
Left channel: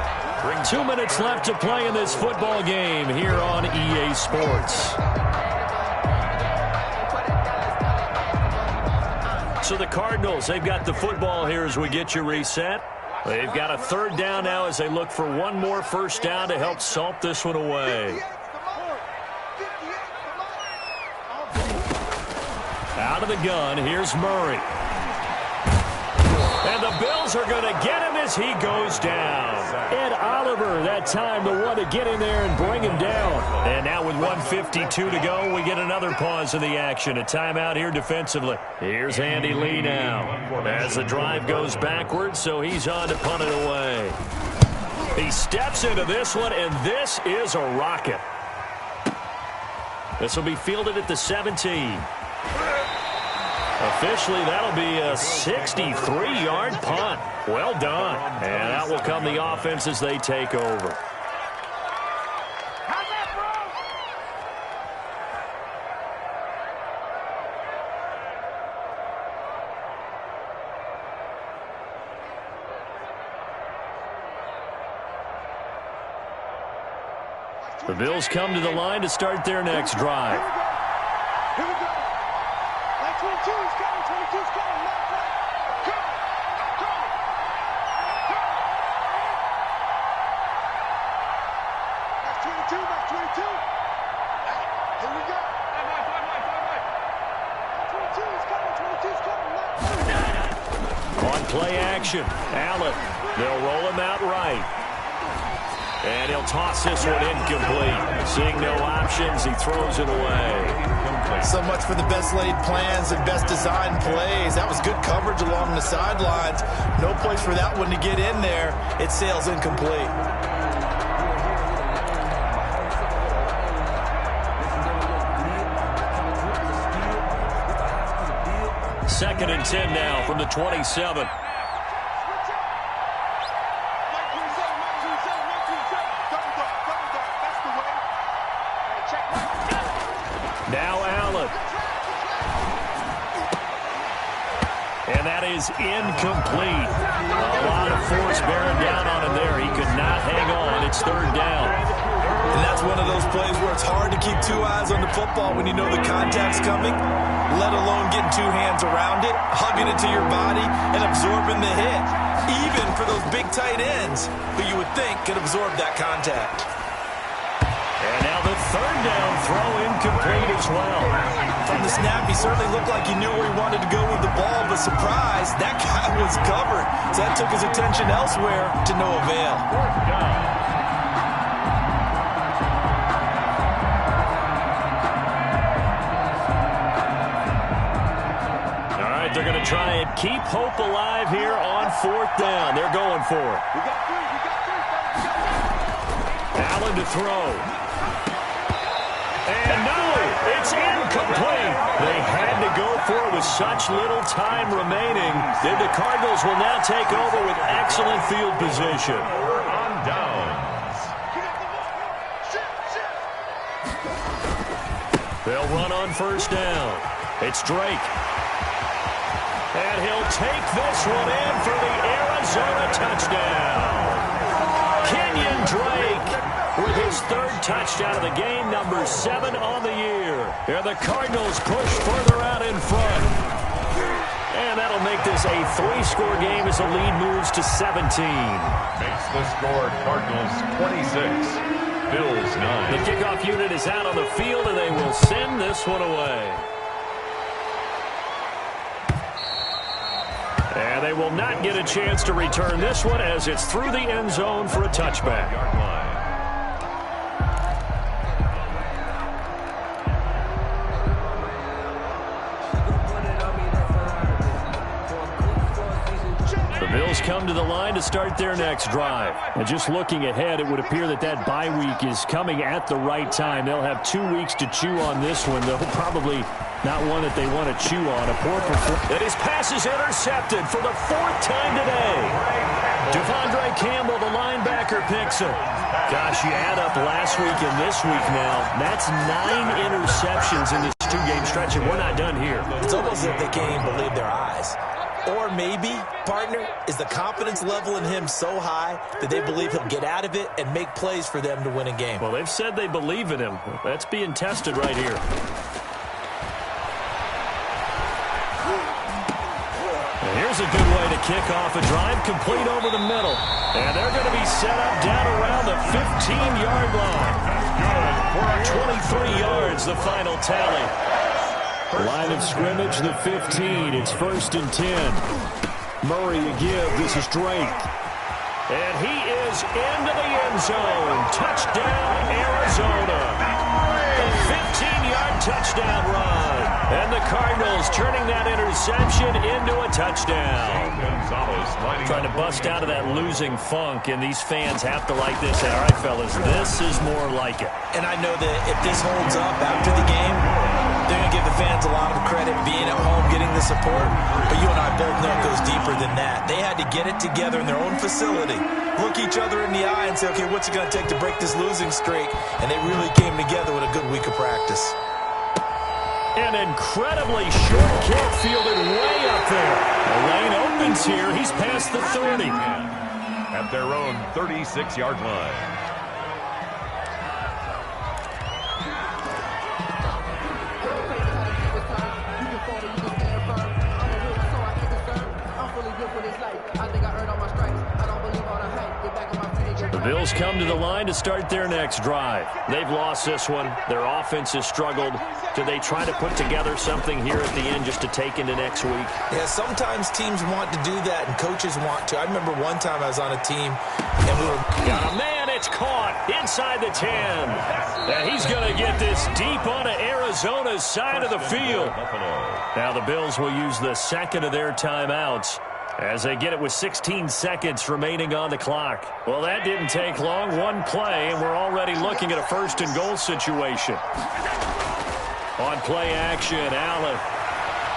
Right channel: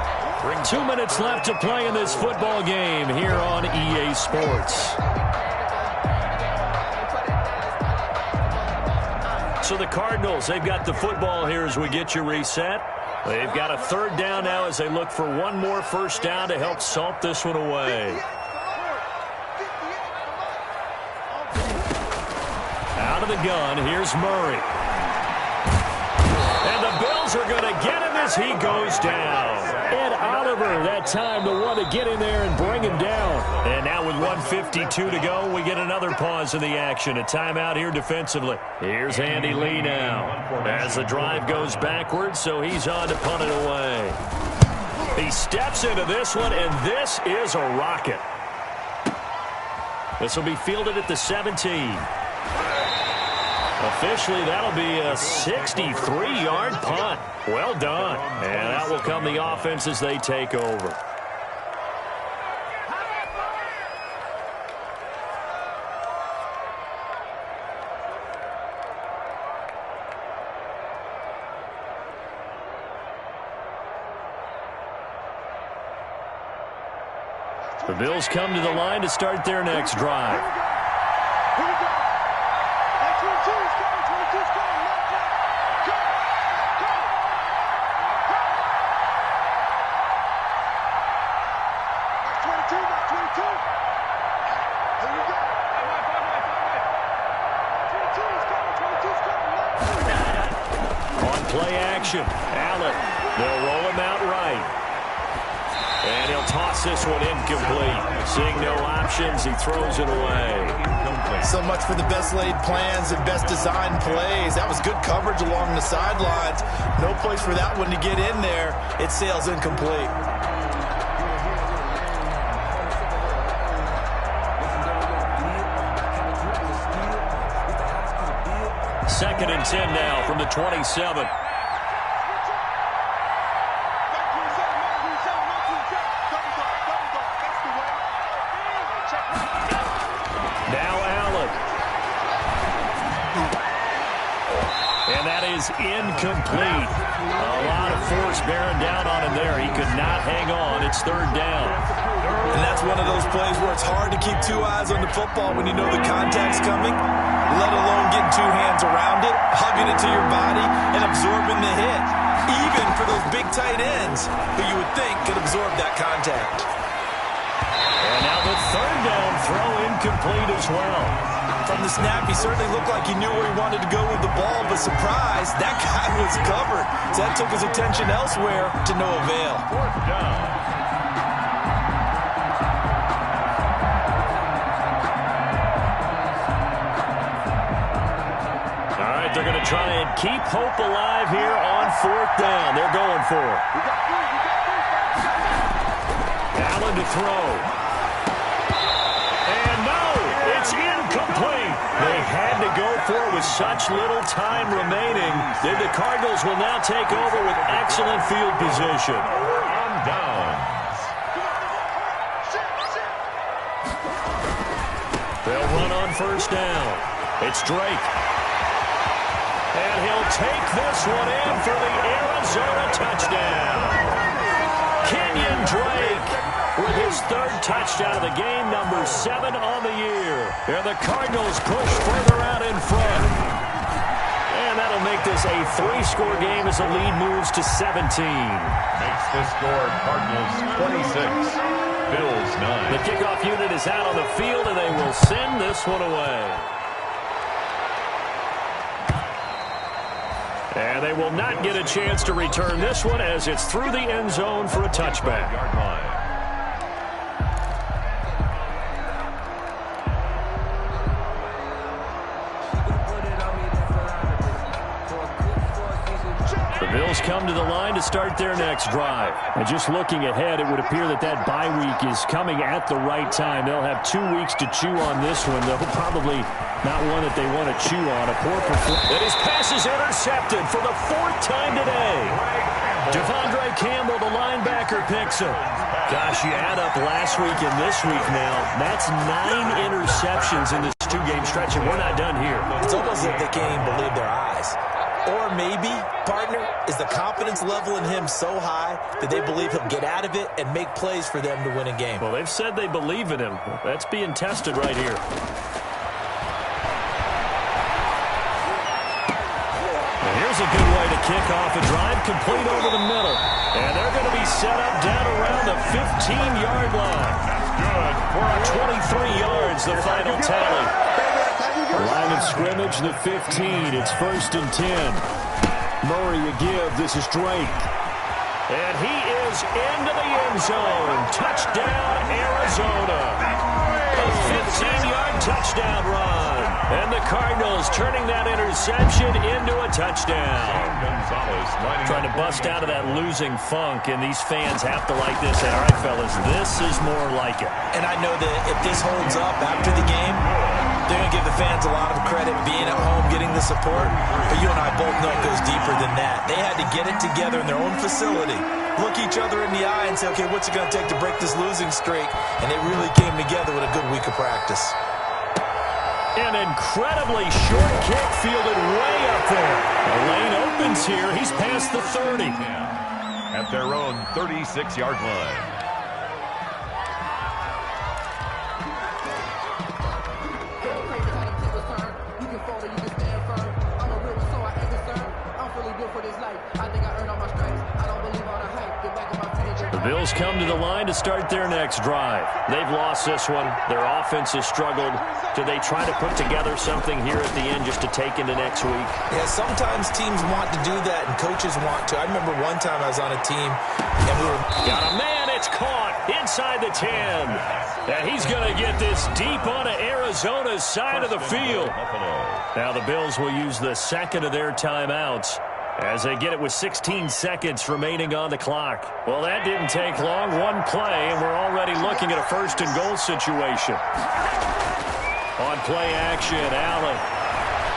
2 minutes left to play in this football game here on EA Sports. So the Cardinals, they've got the football here as we get you reset. They've got a 3rd down now as they look for one more first down to help salt this one away. Out of the gun, here's Murray. And the Bills are going to get him as he goes down. Ed Oliver, that time the one to get in there and bring him down. And now with 1:52 to go, we get another pause in the action. A timeout here defensively. Here's Andy Lee now as the drive goes backwards, so he's on to punt it away. He steps into this one, and this is a rocket. This will be fielded at the 17. Officially, that'll be a 63-yard punt. Well done. And out will come the offense as they take over. The Bills come to the line to start their next drive. Here we go. 22 is coming. 22 is coming. Left flank. Go. Go. Go. That's 22. That's 22. Here we go. 22 is coming. 22 is coming. Left. On play action, Allen. They'll roll him out right. And he'll toss this one incomplete. Seeing no options, he throws it away. So much for the best laid plans and best designed plays. That was good coverage along the sidelines. No place for that one to get in there. It sails incomplete. Second and 10 now from the 27. Now Allen. And that is incomplete. A lot of force bearing down on him there. He could not hang on. It's 3rd down. And that's one of those plays where it's hard to keep 2 eyes on the football when you know the contact's coming, let alone getting 2 hands around it, hugging it to your body, and absorbing the hit. Even for those big tight ends who you would think could absorb that contact. And now the 3rd down throw incomplete as well. From the snap, he certainly looked like he knew where he wanted to go with the ball, but surprise, that guy was covered. So that took his attention elsewhere to no avail. 4th down. All right, they're going to try and keep hope alive here on 4th down. They're going for it. Allen to throw. And no, it's in Incomplete. They had to go for it with such little time remaining. Then the Cardinals will now take over with excellent field position. On downs. They'll run on first down. It's Drake. And he'll take this one in for the Arizona touchdown. Kenyon Drake with his third touchdown of the game, number 7 on the year. And the Cardinals push further out in front. And that'll make this a 3-score game as the lead moves to 17. Makes the score Cardinals 26, Bills 9. The kickoff unit is out on the field, and they will send this one away. And they will not get a chance to return this one as it's through the end zone for a touchback. Yard line. The Bills come to the line to start their next drive. And just looking ahead, it would appear that that bye week is coming at the right time. They'll have 2 weeks to chew on this one, though probably not one that they want to chew on. A poor performance. And his pass is intercepted for the 4th time today. Devondre Campbell, the linebacker, picks him. Gosh, you add up last week and this week now. That's 9 interceptions in this 2-game stretch, and we're not done here. It's almost as if they can't even believe their eyes. Or maybe, partner, is the confidence level in him so high that they believe he'll get out of it and make plays for them to win a game. Well, they've said they believe in him. That's being tested right here. Now here's a good way to kick off a drive, complete over the middle. And they're going to be set up down around the 15-yard line. That's good for a 23 yards, the final tally. Line of scrimmage, the 15. It's 1st and 10. Murray a give. This is Drake. And he is into the end zone. Touchdown, Arizona. A 15-yard touchdown run. And the Cardinals turning that interception into a touchdown. Gonzalez Trying to bust out of that losing funk, and these fans have to like this. All right, fellas, this is more like it. And I know that if this holds up after the game, they're going to give the fans a lot of credit being at home, getting the support. But you and I both know it goes deeper than that. They had to get it together in their own facility, look each other in the eye and say, okay, what's it going to take to break this losing streak? And they really came together with a good week of practice. An incredibly short kick fielded way up there. The lane opens here. He's past the 30. at their own 36-yard line. The Bills come to the line to start their next drive. They've lost this one. Their offense has struggled. Do they try to put together something here at the end just to take into next week? Yeah, sometimes teams want to do that and coaches want to. I remember one time I was on a team and we were... Got a man, it's caught inside the 10. And he's going to get this deep onto Arizona's side of the field. Now the Bills will use the second of their timeouts as they get it with 16 seconds remaining on the clock. Well, that didn't take long. One play, and we're already looking at a first-and-goal situation. On play action, Allen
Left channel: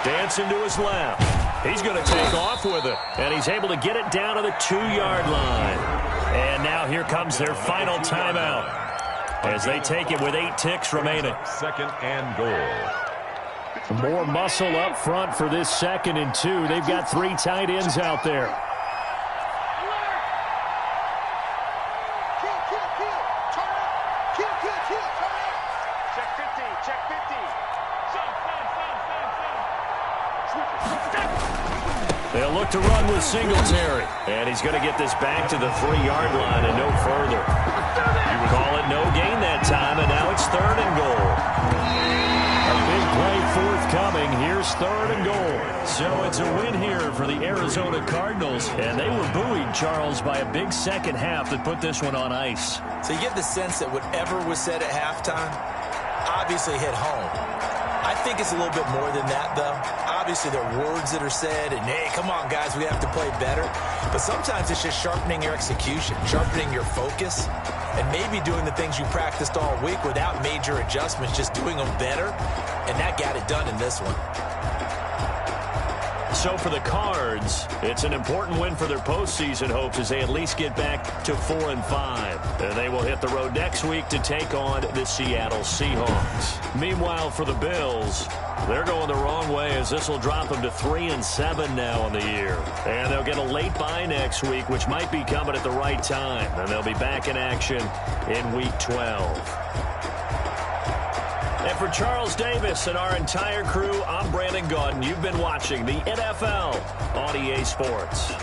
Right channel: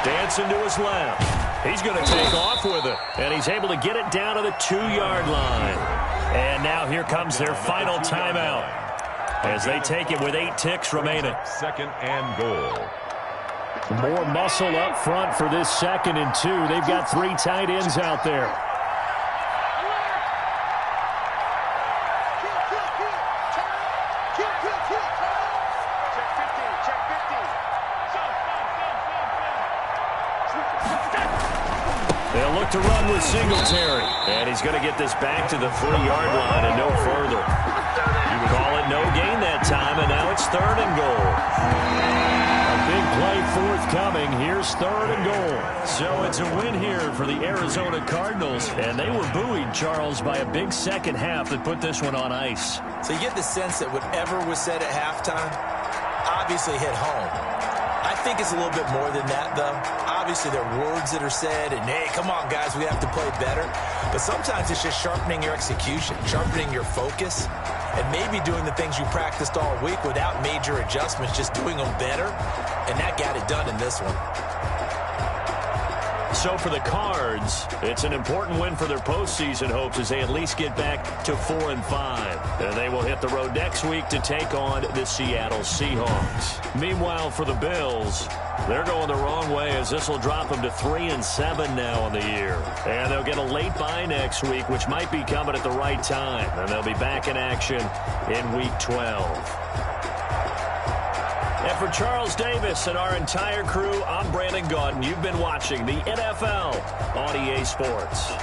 dancing to his left. He's going to take off with it, and he's able to get it down to the 2-yard line. And now here comes their final timeout as they take it with 8 ticks remaining. Second and goal. More muscle up front for this 2nd and 2. They've got 3 tight ends out there. Check 50, check 50. They'll look to run with Singletary. And he's going to get this back to the 3-yard line and no further. Call it no gain that time, and now it's 3rd and goal. A big play forthcoming. Here's 3rd and goal. So it's a win here for the Arizona Cardinals. And they were buoyed, Charles, by a big second half that put this one on ice. So you get the sense that whatever was said at halftime obviously hit home. I think it's a little bit more than that, though. Obviously, there are words that are said, and, hey, come on, guys, we have to play better. But sometimes it's just sharpening your execution, sharpening your focus, and maybe doing the things you practiced all week without major adjustments, just doing them better. and that got it done in this one. So for the Cards, it's an important win for their postseason hopes as they at least get back to 4-5. And they will hit the road next week to take on the Seattle Seahawks. Meanwhile, for the Bills, they're going the wrong way as this will drop them to 3-7 now on the year. And they'll get a late bye next week, which might be coming at the right time. And they'll be back in action in Week 12. And for Charles Davis and our entire crew, I'm Brandon Gaudin. You've been watching the NFL on EA Sports.